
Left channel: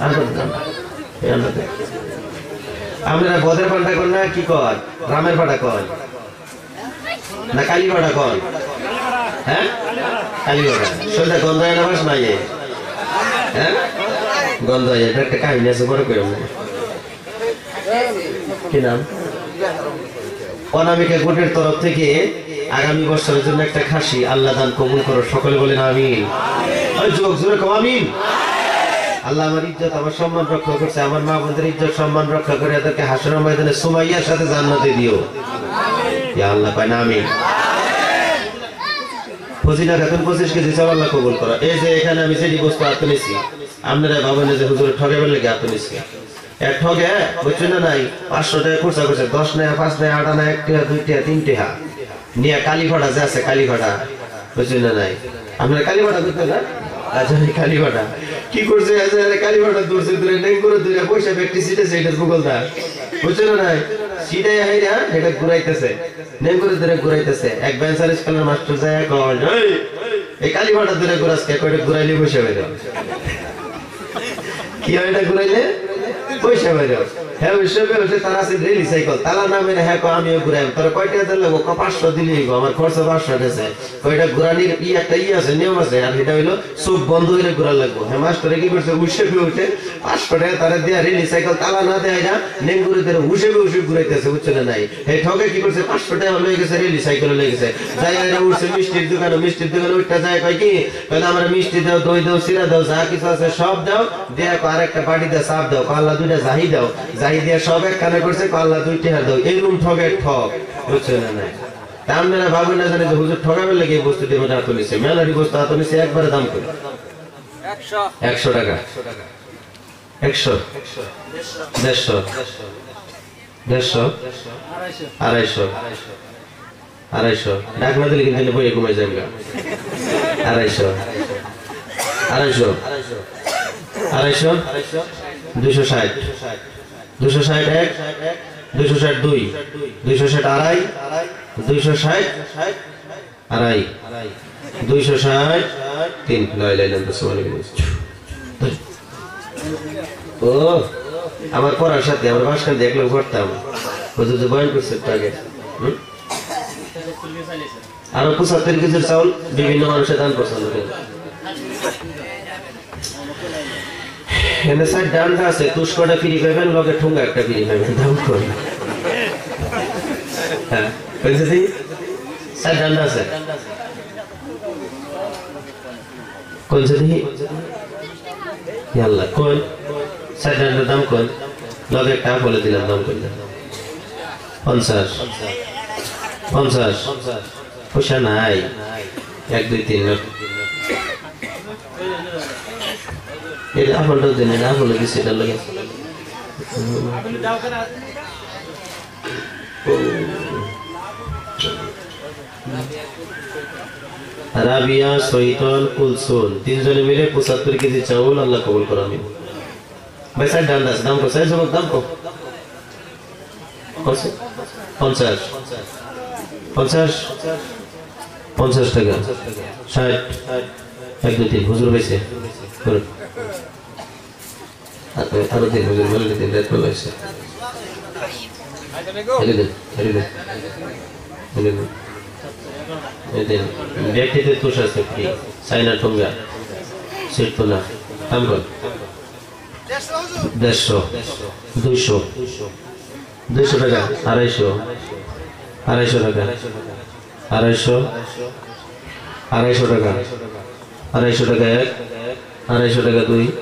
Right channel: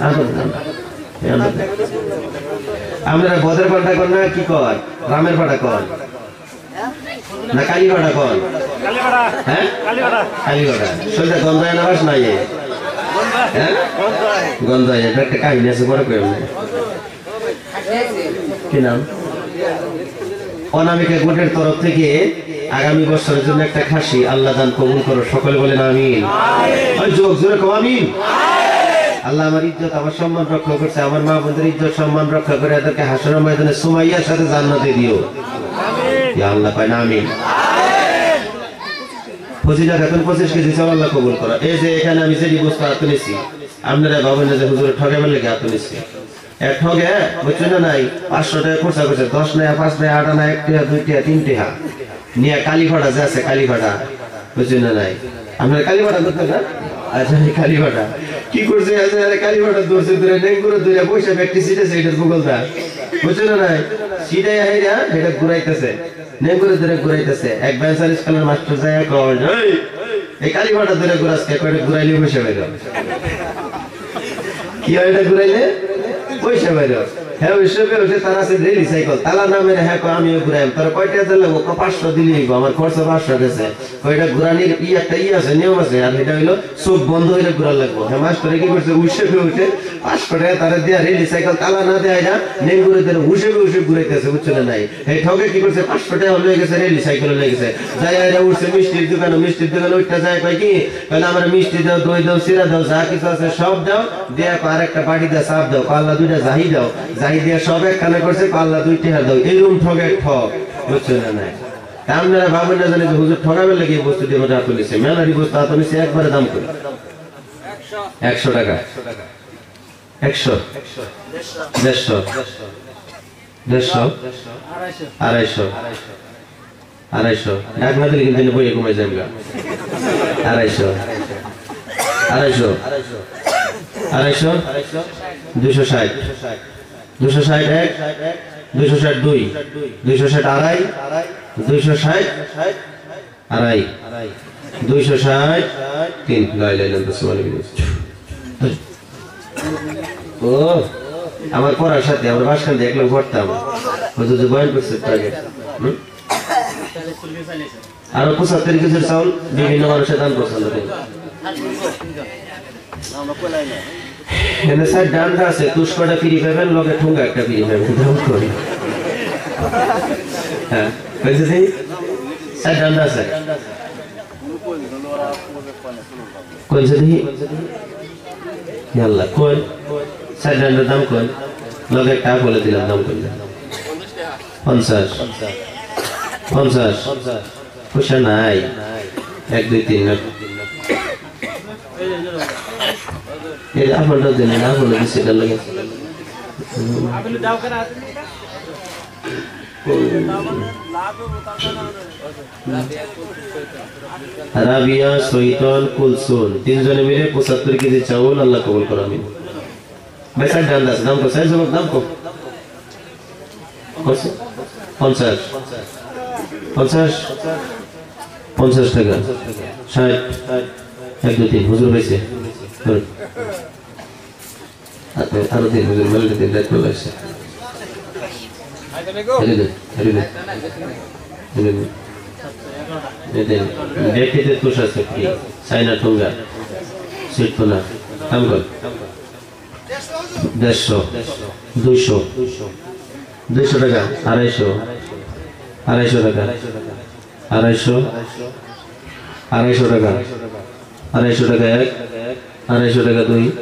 আন্ডা দিন আমরা বদের পাল্টা কর না কি কর রামের পাটা কর না কালী পাটা কর হ্যাঁ কালী পাটা সেটা গন্ধায় না বাস নাই হ্যাঁ গন্ধায় এটা একটা কাহিনী আছে বড় করে কি নাম অনামিকা গোটের তরফ থেকে আগামী বছরের জন্য একটা খাসি আল্লাহ দান কবুল করো সকলে বলেন আমিন ওই যোগ জোরে কও আমিন আল্লাহ আমার ইজ্জত আমার সম্মান রক্ষা করছে আমার মা বোনদের ইজ্জত সম্মান রক্ষা করে এদেরকে হাসরের ময়দানে সুমাইয়ার সাথে জান্নাতে দিও ইয়া আল্লাহ পায় না আমিন ফজিলা খাতুন 25 কেজি চাল আল্লাহ কবুল করো এই যে এখানে আমি যেই বস্তু হাতে নিছি আপনারা ভাবেন যে হুজুর ঠগাবার লাগি হাতে নিছি এক ঠগে বুঝছেন না নাই 500 টাকা খরচা করছে 10 না 5 না 8 না 1 টাকা 2 টাকা 3 টাকা নিয়া কালীঘাটা যে আছে কালীঘাটা বুঝছেন না নাই আমরা কালীঘাটা করতে না আচ্ছা কালীঘাটা কি করছে আরে কালীঘাটা দূরছে দূরে নেই করে দূরে পয়সা প্র্যাকটিস এটা সেইটার বগলটা বুঝছেন না নাই সিধাই হাইরা এটা ঘুরাইতেছে নেই করে দূরে ঘুরাইতেছে এক বেঞ্চার স্কুলের মাস্টার যায় কয় এই কালীঘাটা দূরে ঘুরাসকে কয়টা ঘুরাইলে পয়সা বেরো কি হয় এটা ঘুরাইলে পয়সা বেরো হ্যাঁ হিসেবে হচ্ছে তারা আছে রেলি সাইকেল তালা নামে হ্যাঁ আমিও ঘুরাই তোর কয়টা দিলে 500 দিলি আমার খরচ 500 গেছে কয়টা ঘুরানির একটা আছে নিয়ম আছে আর এটা হইলো চোখ বন্ধ হইলে ঘুরা লাগবো হ্যাঁ মাস্টারে কি করছে উঠে উঠে 500 টাকা তারা দিয়া রেলি সাইকেল তালা না দেয় না নেই ঘুরে ধরে উঠে ঘুরাইতেছে বুঝছে নাই এই ঠকে কি করছে 500 টাকা হয়ে গেছে রেলি সাইকেল হয়ে গেছে যাই এরা উঠছে মিষ্টির দোকানে উঠতে যায় কয় কি তাহলে আমরা মিষ্টি দাও দই দাও সিরা দাও যা কিছু আছে সব দাও দেয়া আর একটা বাটি দিয়ে চাপ দাও পাল্লা দুইটা জাহি দাও জাহি দিয়ে সব এক কানে করছে পাল্লা 2 টাকা দাও এইরকম ঠকের ঠক বুঝছেন না নাই আপনারা ভাবেন না জানেন যে হুজুর ঠকাবেন লাগে এই বস্তু দিয়ে হাত তুলেছে মেলারি বস্তু হাত তুলেছে একবারে দাম করে 100 টাকা 100 150 250 250 ডাক না দিলে কিন্তু বই কমে যাবে 250 260 261 262 260 আড়াই 260 আড়াই 260 3 লাই লাই নাম ও আমার পড়ার সাথে আমরা ভাষণ দেখলে পড়তাম হুজুর যে বয়ান করছে আগে আর 75 কেজির চাউল বিভিন্ন মানুষের দান পছন্দ করে এনে সাইড ডান্ডা আছে তুষ্কটা ফ্রি পাবেন লগে ঠুঙ্গা একটা ফ্রি পাবেন দাম করে হ্যাঁ কইছে দি সাইড ডান্ডা আছে কইছে দি আল্লাহ কোন সাইড ডান্ডার দাম কোন লগে একটা বলে দিলাম দাম কইলা 50 পয়সা নাই 1 2 3 এই আপনারটা দেন না বলে দিছি এটা লাগে আপনি দাও করে রাবিয়া শৈতান কুলসুন তিনজনে মিলে 75 কেজি চাউল আল্লাহ কবুল করো আমিন ভাই স্যার দাম কো স্যার জমক দাম কো 50 50 50 টাকা 60 1 2 3 হুজুর হইছে আরো দিন হুজুর বলে দিন রাত হলো এসে দেখতে তুষার শক্তি চাইনা ঠোঙ্গা শিল্পনা আমগল 150 200 200 টাকা 250 250 টাকা 250 250 টাকা 250 টাকা 1 250 টাকা 2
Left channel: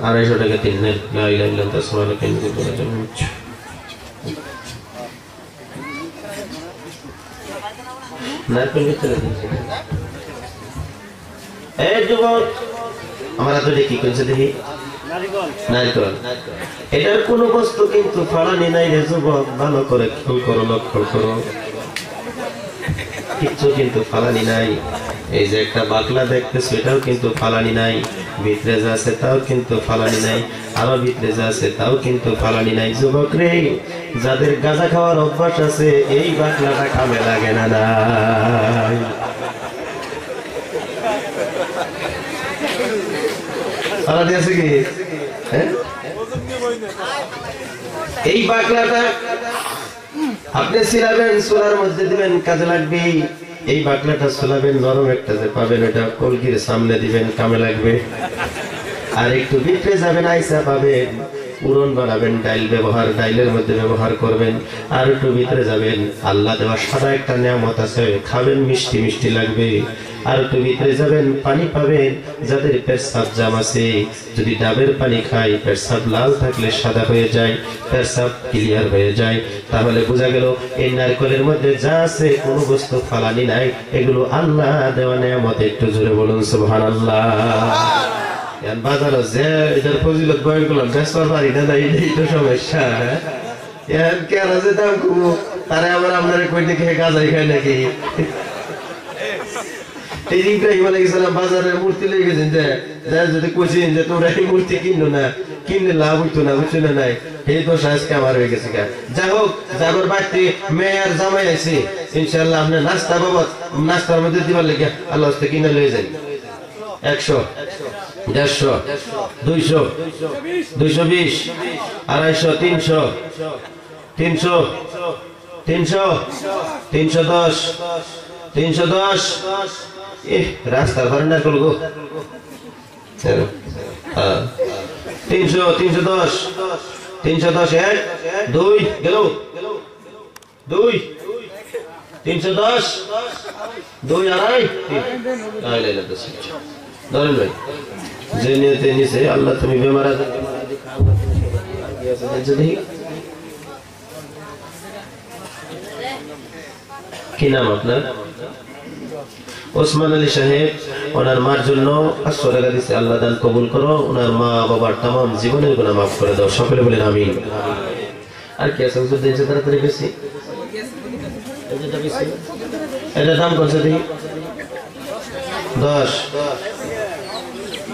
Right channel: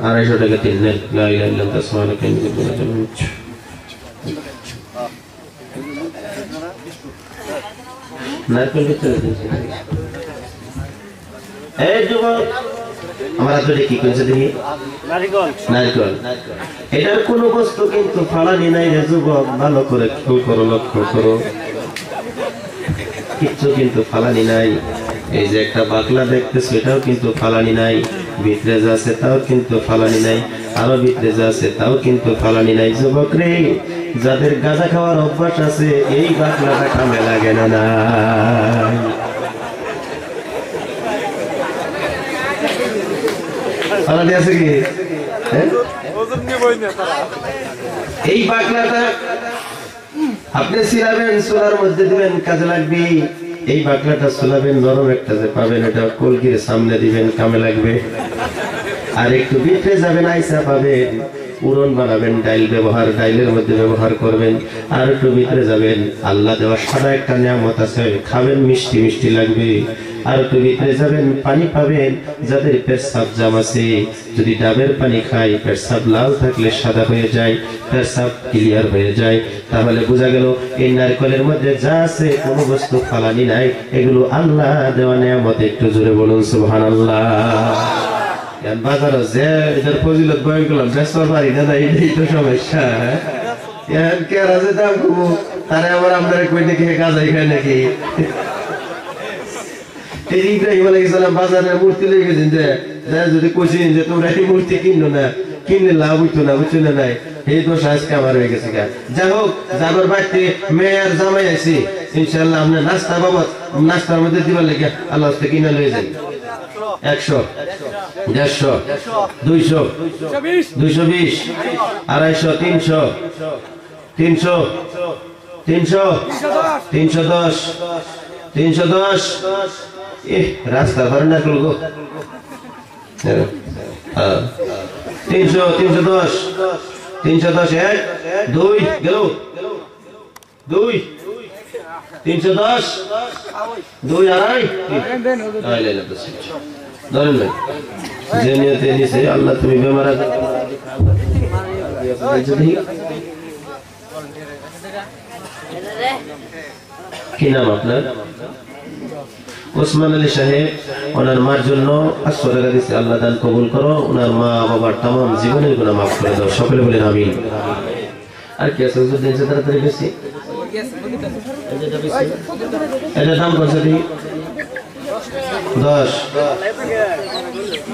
250 টাকা 3 নে লা ইলাহা ইল্লাল্লাহ সুবহানাকা ইন্নী কুনতু মিনাল মুশরিকিন নারকেল ভিতরে দিয়েছে এই যুবক আমরা তো দেখি কোনটা দেখি নারকেল এটার কোনো বস্তু কিন্তু ফালানি নাই রে যুবক ভালো করে খেয়াল করো লক্ষ্য করো কিচ্ছু কিন্তু ফালানি নাই এই যে একটা বাকলা দেখতেছ এটাও কিন্তু ফালানি নাই ভিতরে যা আছে তাও কিন্তু ফালানি নাই আরো ভিতরে যা আছে তাও কিন্তু ফালানি নাই যুবক রে যাদের গাঁজা খাওয়ার অভ্যাস আছে এই বাকলাটা কামে লাগে না নাই ফালানি আছে কি এই বাকলাটা আপনি সিলাবেন সোলার মধ্যে দিবেন কাজে লাগবে এই বাকলাটা সোলাবেন নরম একটা যে পাবেন এটা কলগির সামনে দিবেন কামে লাগবে আর একটু ভিতরে যাবেন আইসা পাবেন উড়ন বানাবেন ডাইল ব্যবহার ডাইলের মধ্যে ব্যবহার করবেন আর একটু ভিতরে যাবেন আল্লাহ দেওয়া সাদা একটা নিয়ামত আছে খাবেন মিষ্টি মিষ্টি লাগবে আর একটু ভিতরে যাবেন পানি পাবেন যাদের পেশাব জাম আছে যদি ডাবের পানি খায় পেশাব লাল থাকলে সাদা হয়ে যায় পেশাব ক্লিয়ার হয়ে যায় তাহলে বোঝা গেল এই নারকেলের মধ্যে যা আছে কোনো বস্তু ফালানি নাই এগুলো আল্লাহ দেওয়া নিয়ামত একটু জোরে বলুন সুবহানাল্লাহ বাজারও যে এটার ফজিলত বয়ান করলাম বেসর পারি না এইটাই তো সমস্যা কেরা যে দাম কমো তারা আবার আপনারা কই নাকি গাঁজাই খায় নাকি এই ইব্রাহিম আলাইহিস সালাম বাজারের মূর্তি লয়ে গেছেন যে যদি কইছেন যে তোমরা এই মূর্তি কিনো না কিনলে লাভ হইতো না বুঝছো না নাই এই তো আজকে আমার হয়ে গেছে যাই হোক যাবার বাড়িতে মেয়ের জামাই আছে ইনশাআল্লাহ আপনি নাস্তা বাবদ নাস্তার মধ্যে দিবার লেগে আল্লাহ হস্তে কিনে লয়ে যাই 100 150 200 220 250 300 300 300 310 310 রাস্তার ধারে না করবো 300 310 310 এক 2 গেল 2 310 2 আড়াই ধরেন ভাই যে নিয়তে নিছে আল্লাহ তুমি বেমার কি নাম আপনার ওসমান আলী সাহেব ওনার মার জন্য 500 টাকা দিচ্ছে আল্লাহ দান কবুল করো ওনার মা বাবার तमाम জীবনের গুনাহ maaf করে দাও সকলে বলেন আমিন আর কি আছে হুজুর দিয়েছে তাড়াতাড়ি বেশি এটা দাম কত দিই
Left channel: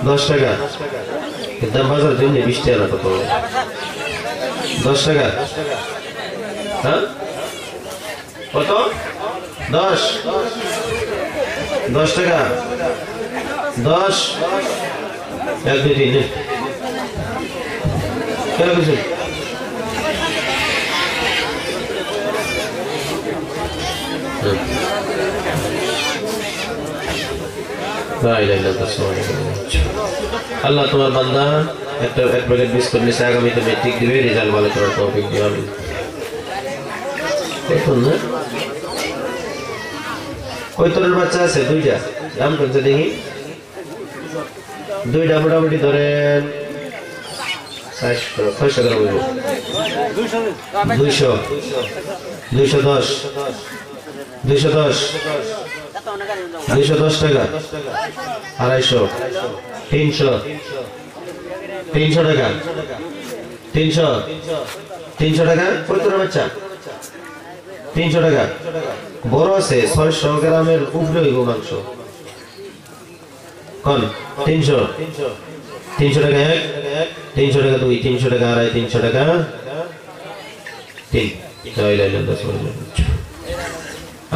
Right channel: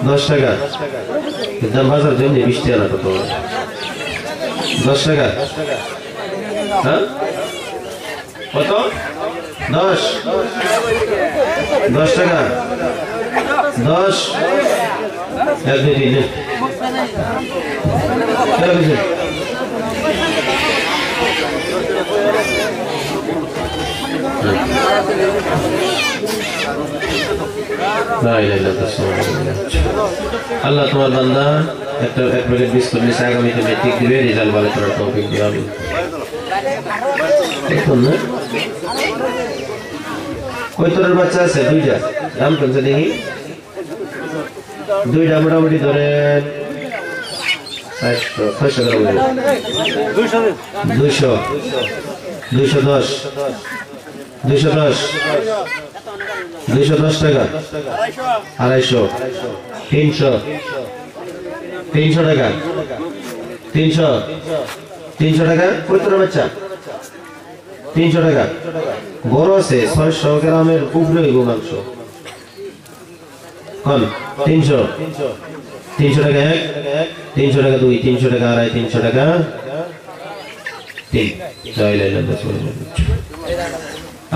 10 টাকা দাম বাজার জন্য 20 টাকা কত 10 টাকা হ্যাঁ কত 10 টাকা 10 এক দুই তিন আল্লাহ তোমার বান্দা একটা এক প্যাকেট বিস্কুট নিচে আগামীতে মেট্রিক দিবে রেজাল্ট ভালো করার তৌফিক দিবে আমি দেখুন না কয় তোর বাচ্চা আছে দুইটা দাম কত দেখি দুইটা মোটামুটি ধরেন 400 টাকা 200 210 210 210 টাকা 250 300 300 টাকা 300 টাকা কয় তোর বাচ্চা 300 টাকা বড় আছে 600 গ্রামের উপরে হইব মাংস কোন 300 টাকা এক 300 টাকা দুই 300 টাকা আড়াই 300 টাকা তিন জয় লাইলা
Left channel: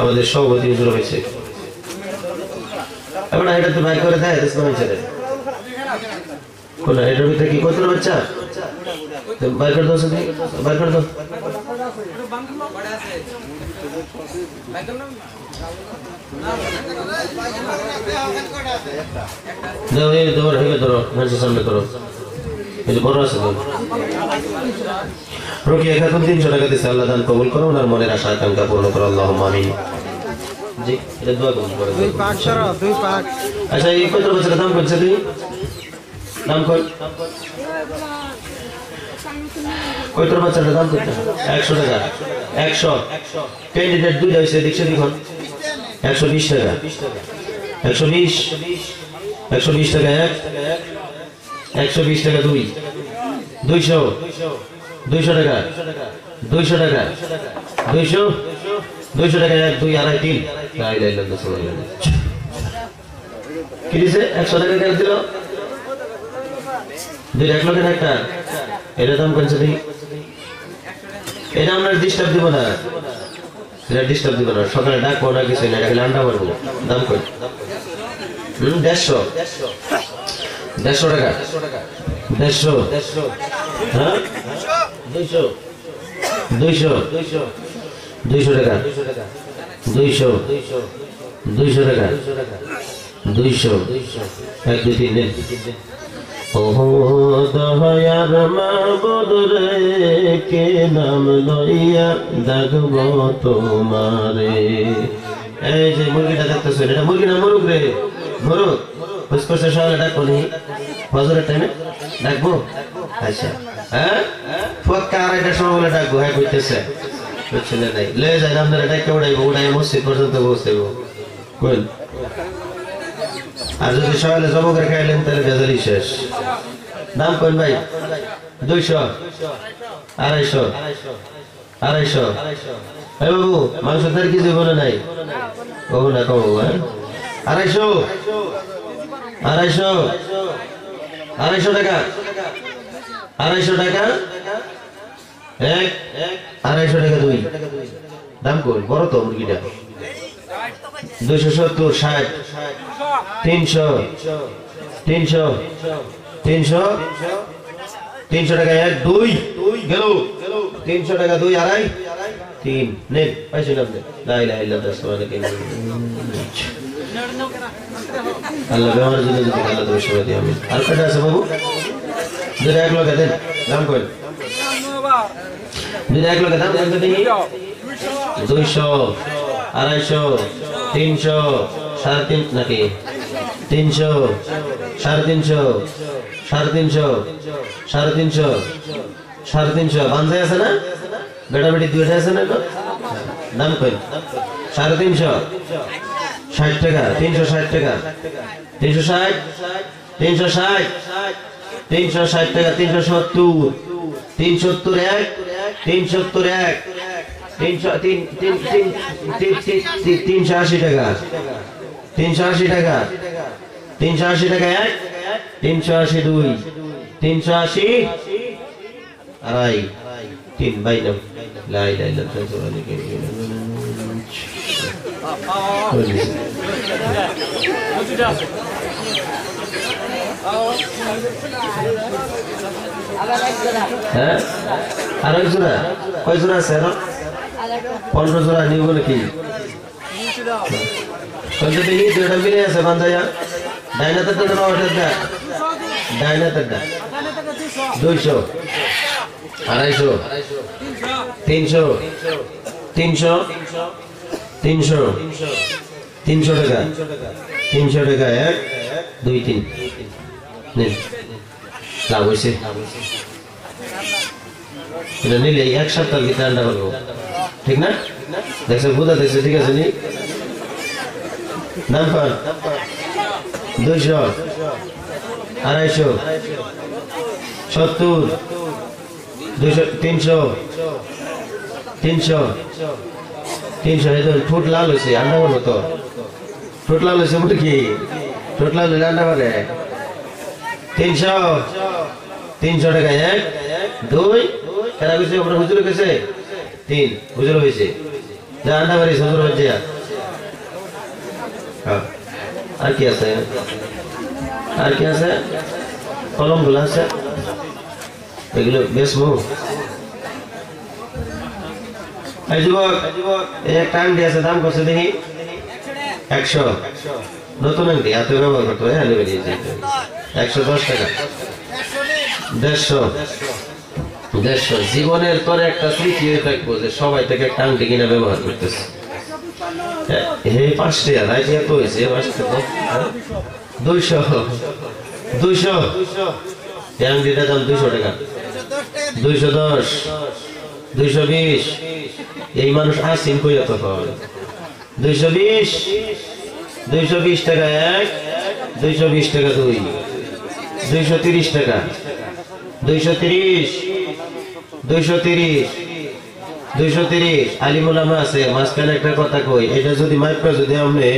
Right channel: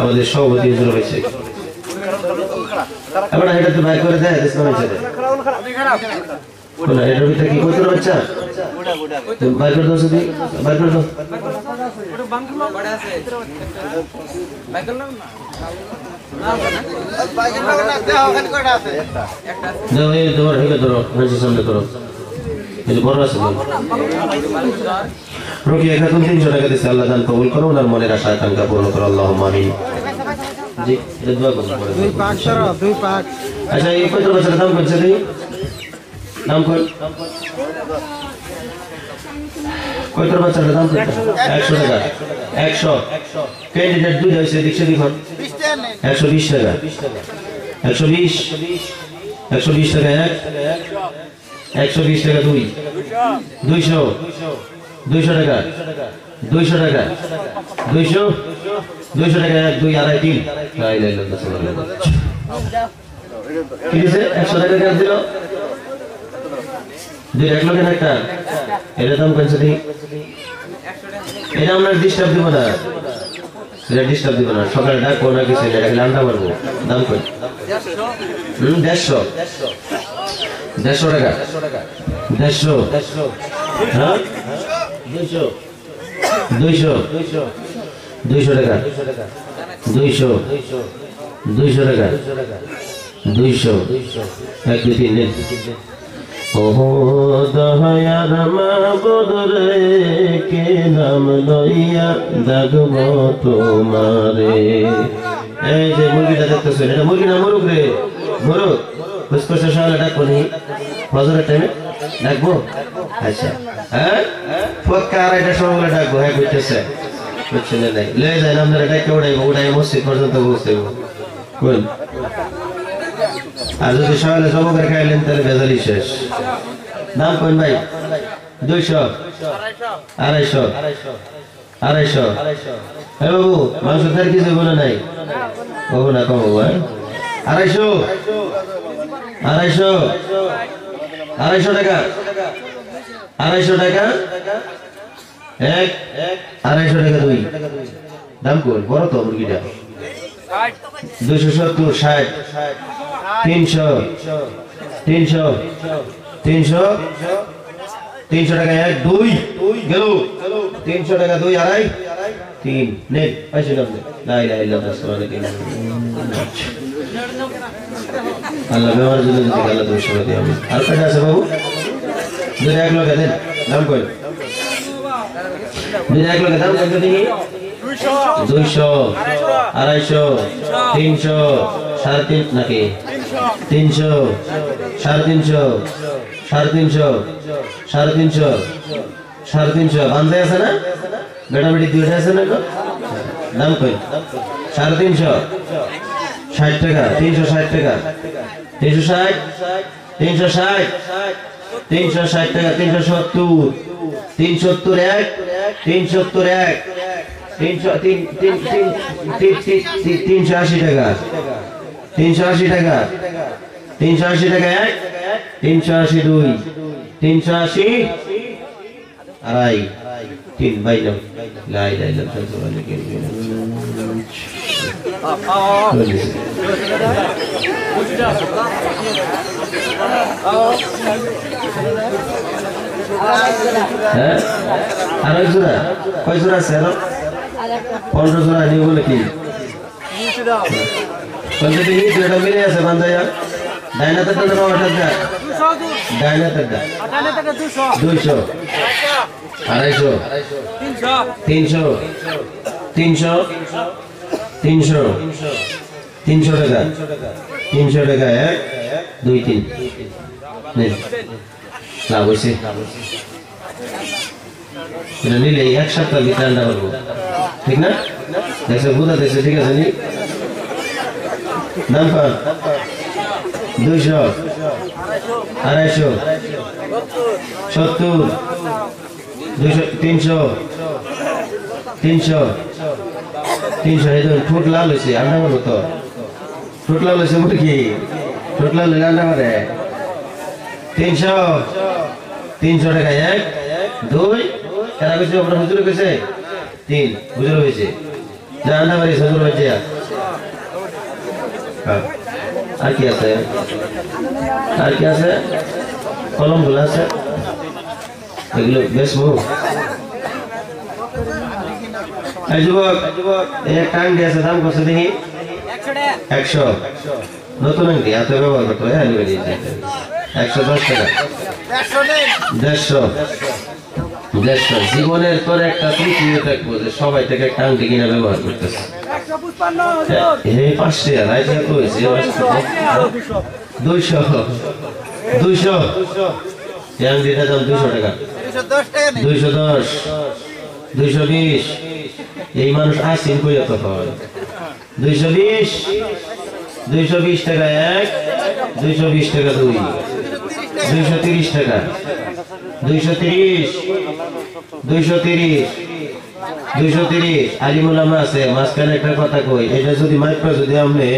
আমাদের সভাপতি হুজুর হয়েছে আমরা এটা তো বাইর করে দেয় ইসলামের ছেলে কোন এটার ভিতরে কি কত বাচ্চা বাইর করে দাও শুধু বাইর করে দাও দাও এই ধর হেলে ধরো মানুষের সামনে করো এই বড় আছে রুকিয়া খাতুন 300 টাকা দিয়েছে আল্লাহ দান কবুল করো ওনার মনের আশা আকাঙ্ক্ষা পূর্ণ করো আল্লাহুম্মা আমিন জি এটা দোয়া করুন দুই পাক সরো দুই পাক আচ্ছা এই কত বছরের দাম করছে তুই নাম কর কত বছরের দাম কত 100 টাকা 100 ক্যান্ডিডেট দুই হইছে দেখছে দেখুন 120 টাকা 120 টাকা এক 120 টাকা দুই 200 টাকা 200 টাকা 200 টাকা এক দুই আড়াই তিন লাই লাই লাই কি দিছে 100 টাকা কেন দিল দুই 1 লক্ষের একটা এটা দাম কইছে দি এটা আমরা ডিস্টার্ব দিব না এটা ডিস্টার্ব দিব না সকালে ডাক কোনা কিছু না এটা আন্ডা মারবো দাম কই 150 টাকা 150 হ্যাঁ 200 টাকা 200 টাকা 200 এক দুই তিন নেন ও দয়ার মাবুদ রে কে নাম লইয়া ডাকব তোমারে এই যে মুরগিটা দেখতেছেন এটা মুরগি না মোরগ রে মোরগ পুষ্পসা শালা ডাকবো নি ফজরের টাইমে ডাকবো আচ্ছা হ্যাঁ পক্কা আর এটা সবগুলো ডাকবো হ্যাঁ কইতেছে বুঝছেন নাই লয়ে যায় আপনারা ডাকে উড়াই মসজিদ পর্যন্ত পৌঁছাইব কোন আর যদি সকালে জবকের খাইলেন তাহলে ভেজালি শেষ দাম কোন ভাই 200 250 এই বাবু মাংস তার কিছু বলে নাই ও না কম 250 টাকা 250 টাকা এক 250 টাকা দুই দাম কোন বড় তো মুরগিটা 270 60 300 টাকা এক দুই গেল 300 টাকা দুই আড়াই তিন নে পয়সা লাগবে লা ইলাহা ইল্লাল্লাহ আল্লাহ ব্যবহার জন্য যদি আল্লাহ তুমি সবাই দিও আমিন আর কয়টা আছে বাবু দুই 1 লক্ষ দেন দাম কই দুই 1 লক্ষ দাম কত দিই 200 250 300 350 নাকি 300 350 350 বান্ধে আছে না বেটা বেটি দুইটা আছে না দাম কই 350 60 টাকা 360 টাকা 360 টাকা 370 370 এক 380 টাকা 380 টাকা 380 টাকা এক 380 দুই 380 আড়াই তিন বাই নাও লাই লাই লাই হ্যাঁ আর জোড়া কয় জোড়া আছে 15 জোড়া নিব নাকি কোনটা দেখি দুটো মিলে আছে বান্দায়া ডাইনাতে তো নাও ওটা দা ডাইনাতে দা 200 250 300 টাকা 300 টাকা এক দুই তিন নে লাভ হইছে এটা নিলে এক সপ্তাহ ভিতরে আন্ডা করবো ঠিক না দেখছো বুঝা দেখছো ঠিক আছে নি দাম পান 200 250 70 200 300 এই তো ঠোঁট লাল হয়েছে আন্ডা করবো তো ঠোঁট লাল হয়েছে মুরগি ঠোঁট লাল হলে আন্ডা করে 300 টাকা এক দুই কেনা কইছে আমরা হুজুর কইছে তিন হুজুর হয়েছে জানা বাড়ি সদর বাজিয়া আর কি আছে আর কি আছে কলমগুলো আছে এগুলো বেশ মুখ এই যুবক এই টাইম দিয়েছে দাম কত দেখি 100 নতুন আংটি এত ব্যবহার করতে হয় আলু বেরিয়ে যেতে 110 টাকা 150 জীবনের পরে একটা স্মৃতি থাকবো যে সবাই থেকে একটা আংটি কিনে ব্যবহার করতেছে এই 5 টাকা রাইট এত হয়েছে 200 এই আংটিটার দাম 200 টাকা 210 220 এই মানুষ আসিন কইয়া তো হয় 220 টাকা 1 220 টাকা 2 230 টাকা 230 আলিমুল আমরা আছে মাঝখানে একটা কথা কই এটা যদি মাইক্রো যদি আপনি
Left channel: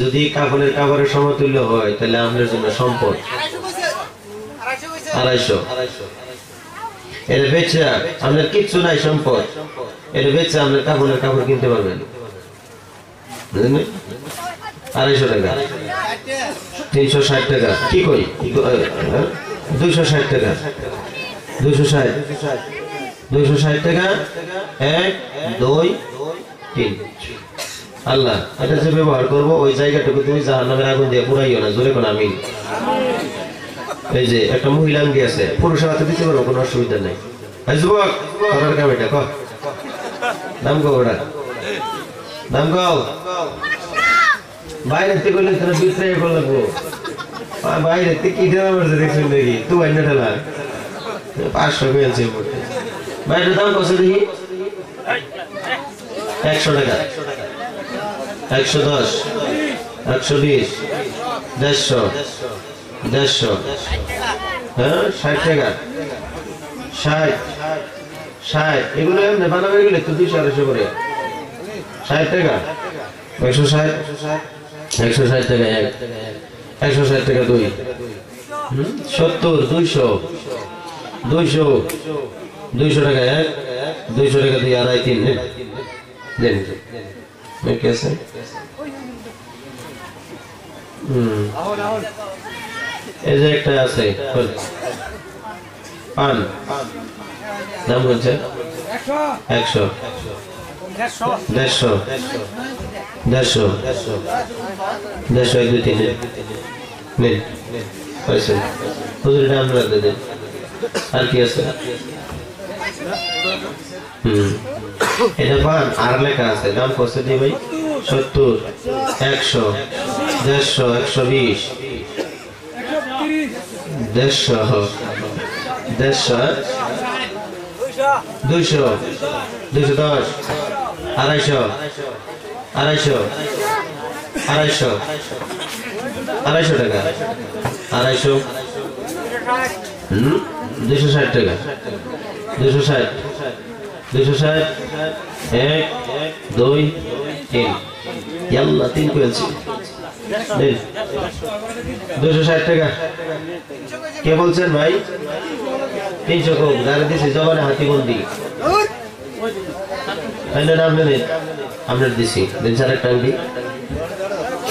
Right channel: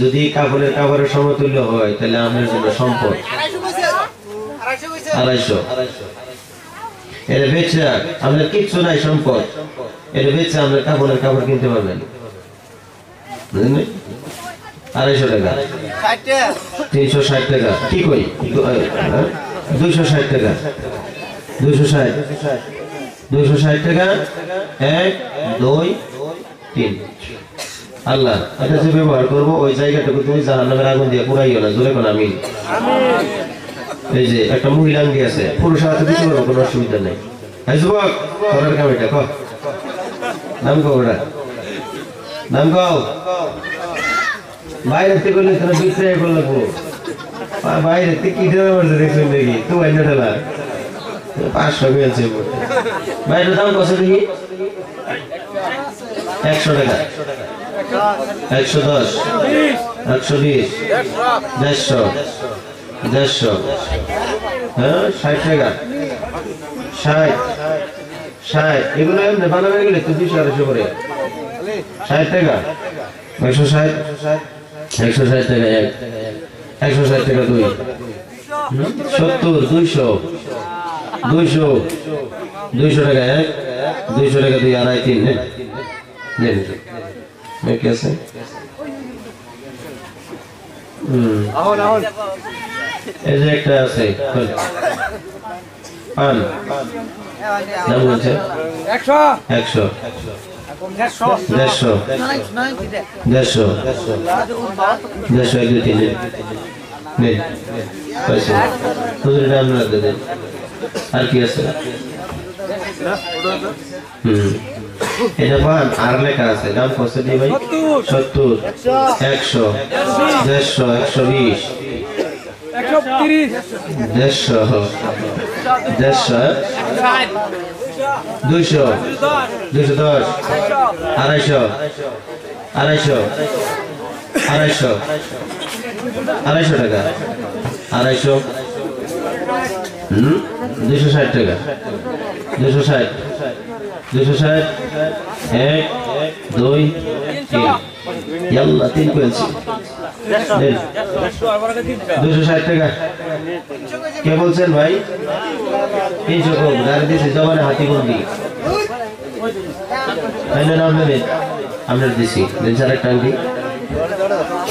যদি কাপড়ের সমতুল্য হয় তাহলে আপনার জন্য সম্পদ 250 এটা বেচে আপনার কিচ্ছু নাই সম্পদ এটা বেচে আপনার কাপড় কিনতে পারবেন 250 টাকা 360 টাকা কি কই 260 টাকা 260 টাকা 1 2 3 আল্লাহ এটা যে ব্যবহার করবো ওই জায়গাটুকু তুমি জাহান্নামের আগুন দিয়ে পুরাইও না জোরে কোন আমিন এই যে একটা মহিলা আঙ্গি আছে পুরুষ হাতে দিতে পারবো কোনো অসুবিধা নেই এই যুবক করার কাম এটা কর নাম কো ওটা নাম কও বাইরে থেকে করলে তোরা বিক্রয় করে লাগবো বাইরে থেকে কি দেওয়া পড়ছে দেখছেন দেখি তুই আইনা ঠেলা 500 মিলছে বাইরে দাম কত দেখি 100 টাকা 110 120 150 হ্যাঁ 60 টাকা 60 এগুলো এমনি বানাবে গেলে তো 200 করে 60 টাকা 160 টাকা 160 টাকা 2 70 200 টাকা 200 টাকা 2 আড়াই 3 নেন कैसे ऐसे एक तरह से पान नाम बोलते 100 150 2 3 नहीं पैसे दूसरे नाम रख दे আর কি আছে এটা পান আর লেখা আছে দাম কত দি ভাই 70 100 150 120 200 210 250 260 টাকা 260 টাকা 260 1 2 3 ইয়াল্লাহ 3 পেয়েছি 260 টাকা কে বলছেন ভাই 300 কম গাড়ি দিছি জবানে হাতি বন্দি আইনা নাম নেন আমরা দিছি দিন চার একটা আংটি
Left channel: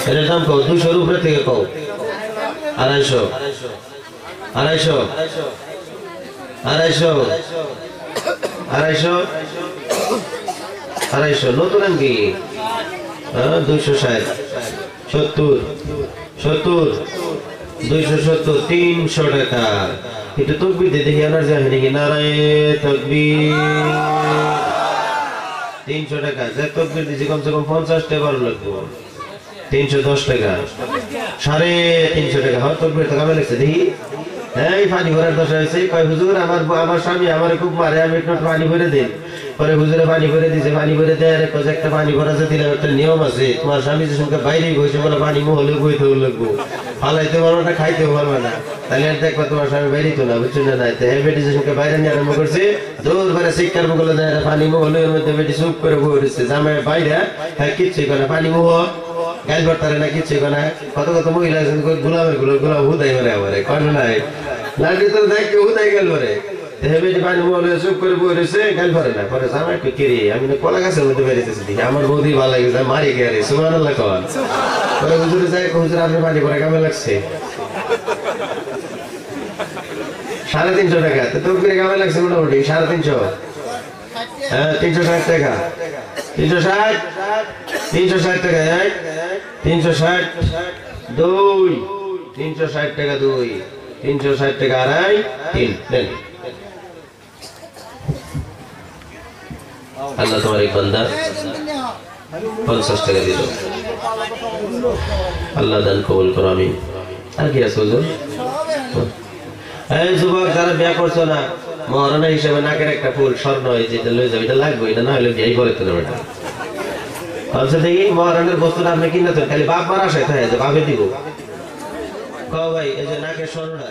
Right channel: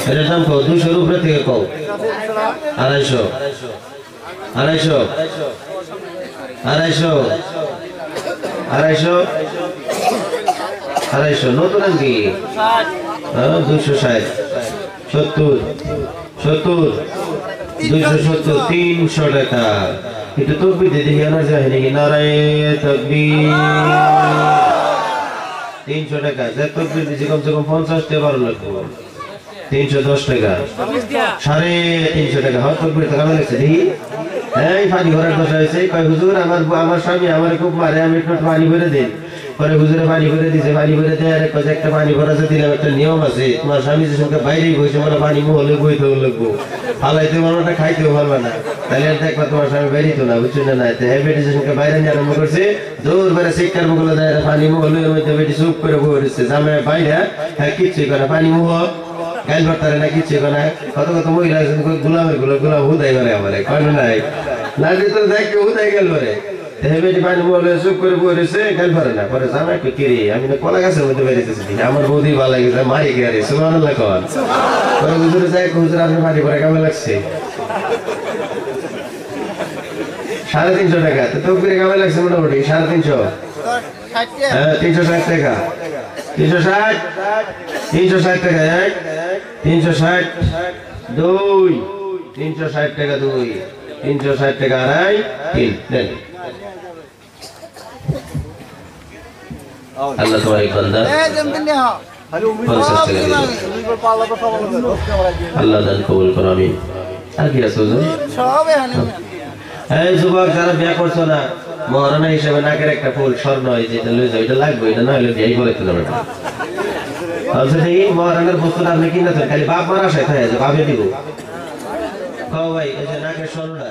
এর দাম কত 200 এর উপরে থেকে কও 250 নতুন আংটি 260 70 270 300 টাকা এটা তো বিদে দেখি না যায় নাকি নারায়ে তাকবীর 300 টাকা যে তাকবীর দিছি কমসে কম 50 টাকা ভালো লাগবে 310 টাকা 350 টাকা হয় তাকবীর টাকা লাগছে দেখি এই পানি ভরার দশা হয়েছে কয় হুজুর আমার স্বামী আমারে খুব মারে আমি একটু পানি ভরে দেন পরে হুজুরে পানি ভরে দিছে পানি ভরে দেয় আরে কয় একটা পানি ভরা আছে দিলাম একটা নিয়ম আছে তোমার স্বামী যে সঙ্গে বাইরেই বসে বলে পানি হলে বইতে লাগবো ফালাইতে পারবো না খাইতেও পারবে না তাহলে আর দেখবা তোমার স্বামী বাইরেই তো না বুঝছো না নাই তো বেটি যে সঙ্গে বাইরে নিয়ে আরম্ভ করছে দৌড় করে শিক্ষার মুখলে দেয় পানি হলে ওর মধ্যে বেটি চুপ করে বই রয়েছে জামে বাইরে হ্যাঁ কিচ্ছুই করে পানি মুহ গাইল করতে না কিচ্ছুই করে কত মহিলা গোলামের গোলাম হুদাই বলে আমার কয় নাই লাল ভিতরে দেখ হুদাই গেল রে হেবেটি পানি বলে চুপ করে বই রয়েছে গাল পারে না পরে জামা একটু কিরি আমি না কলা গাছের মধ্যে বেরিয়েছি আমার বৌদি ভালো লাগছে মারি গেছে সুবহানাল্লাহ কন পরে হুজুরে যায় হুজুর আপনি মারি পরে কেমন লাগছে 350 টাকা তো তকবীরে কেমন লাগছে মোটামুটি 350 হ্যাঁ 360 টাকা 360 টাকা 360 2 360 টাকা 2 360 টাকা আড়াই 3 দেন আল্লাহ তোমার এই বান্দা 50 টাকা দিল আল্লাহ দান কবুল করো আমিন আর কি আছে হুজুর এই যুবক যারা বিয়ে করছো না মহারণা হিসেবে নাকের একটা ফুল স্বর্ণ যেটা লয়ে যাবে এটা লাগবে এটা না হলে বিয়েই করে তো না আচ্ছা দেখি মহারণের বস্তুটা আপনি কিনতে খালি বাপ মারা আসায় থাকে বাপে দিব কও ভাই এই যে নাকের স্বর্ণটা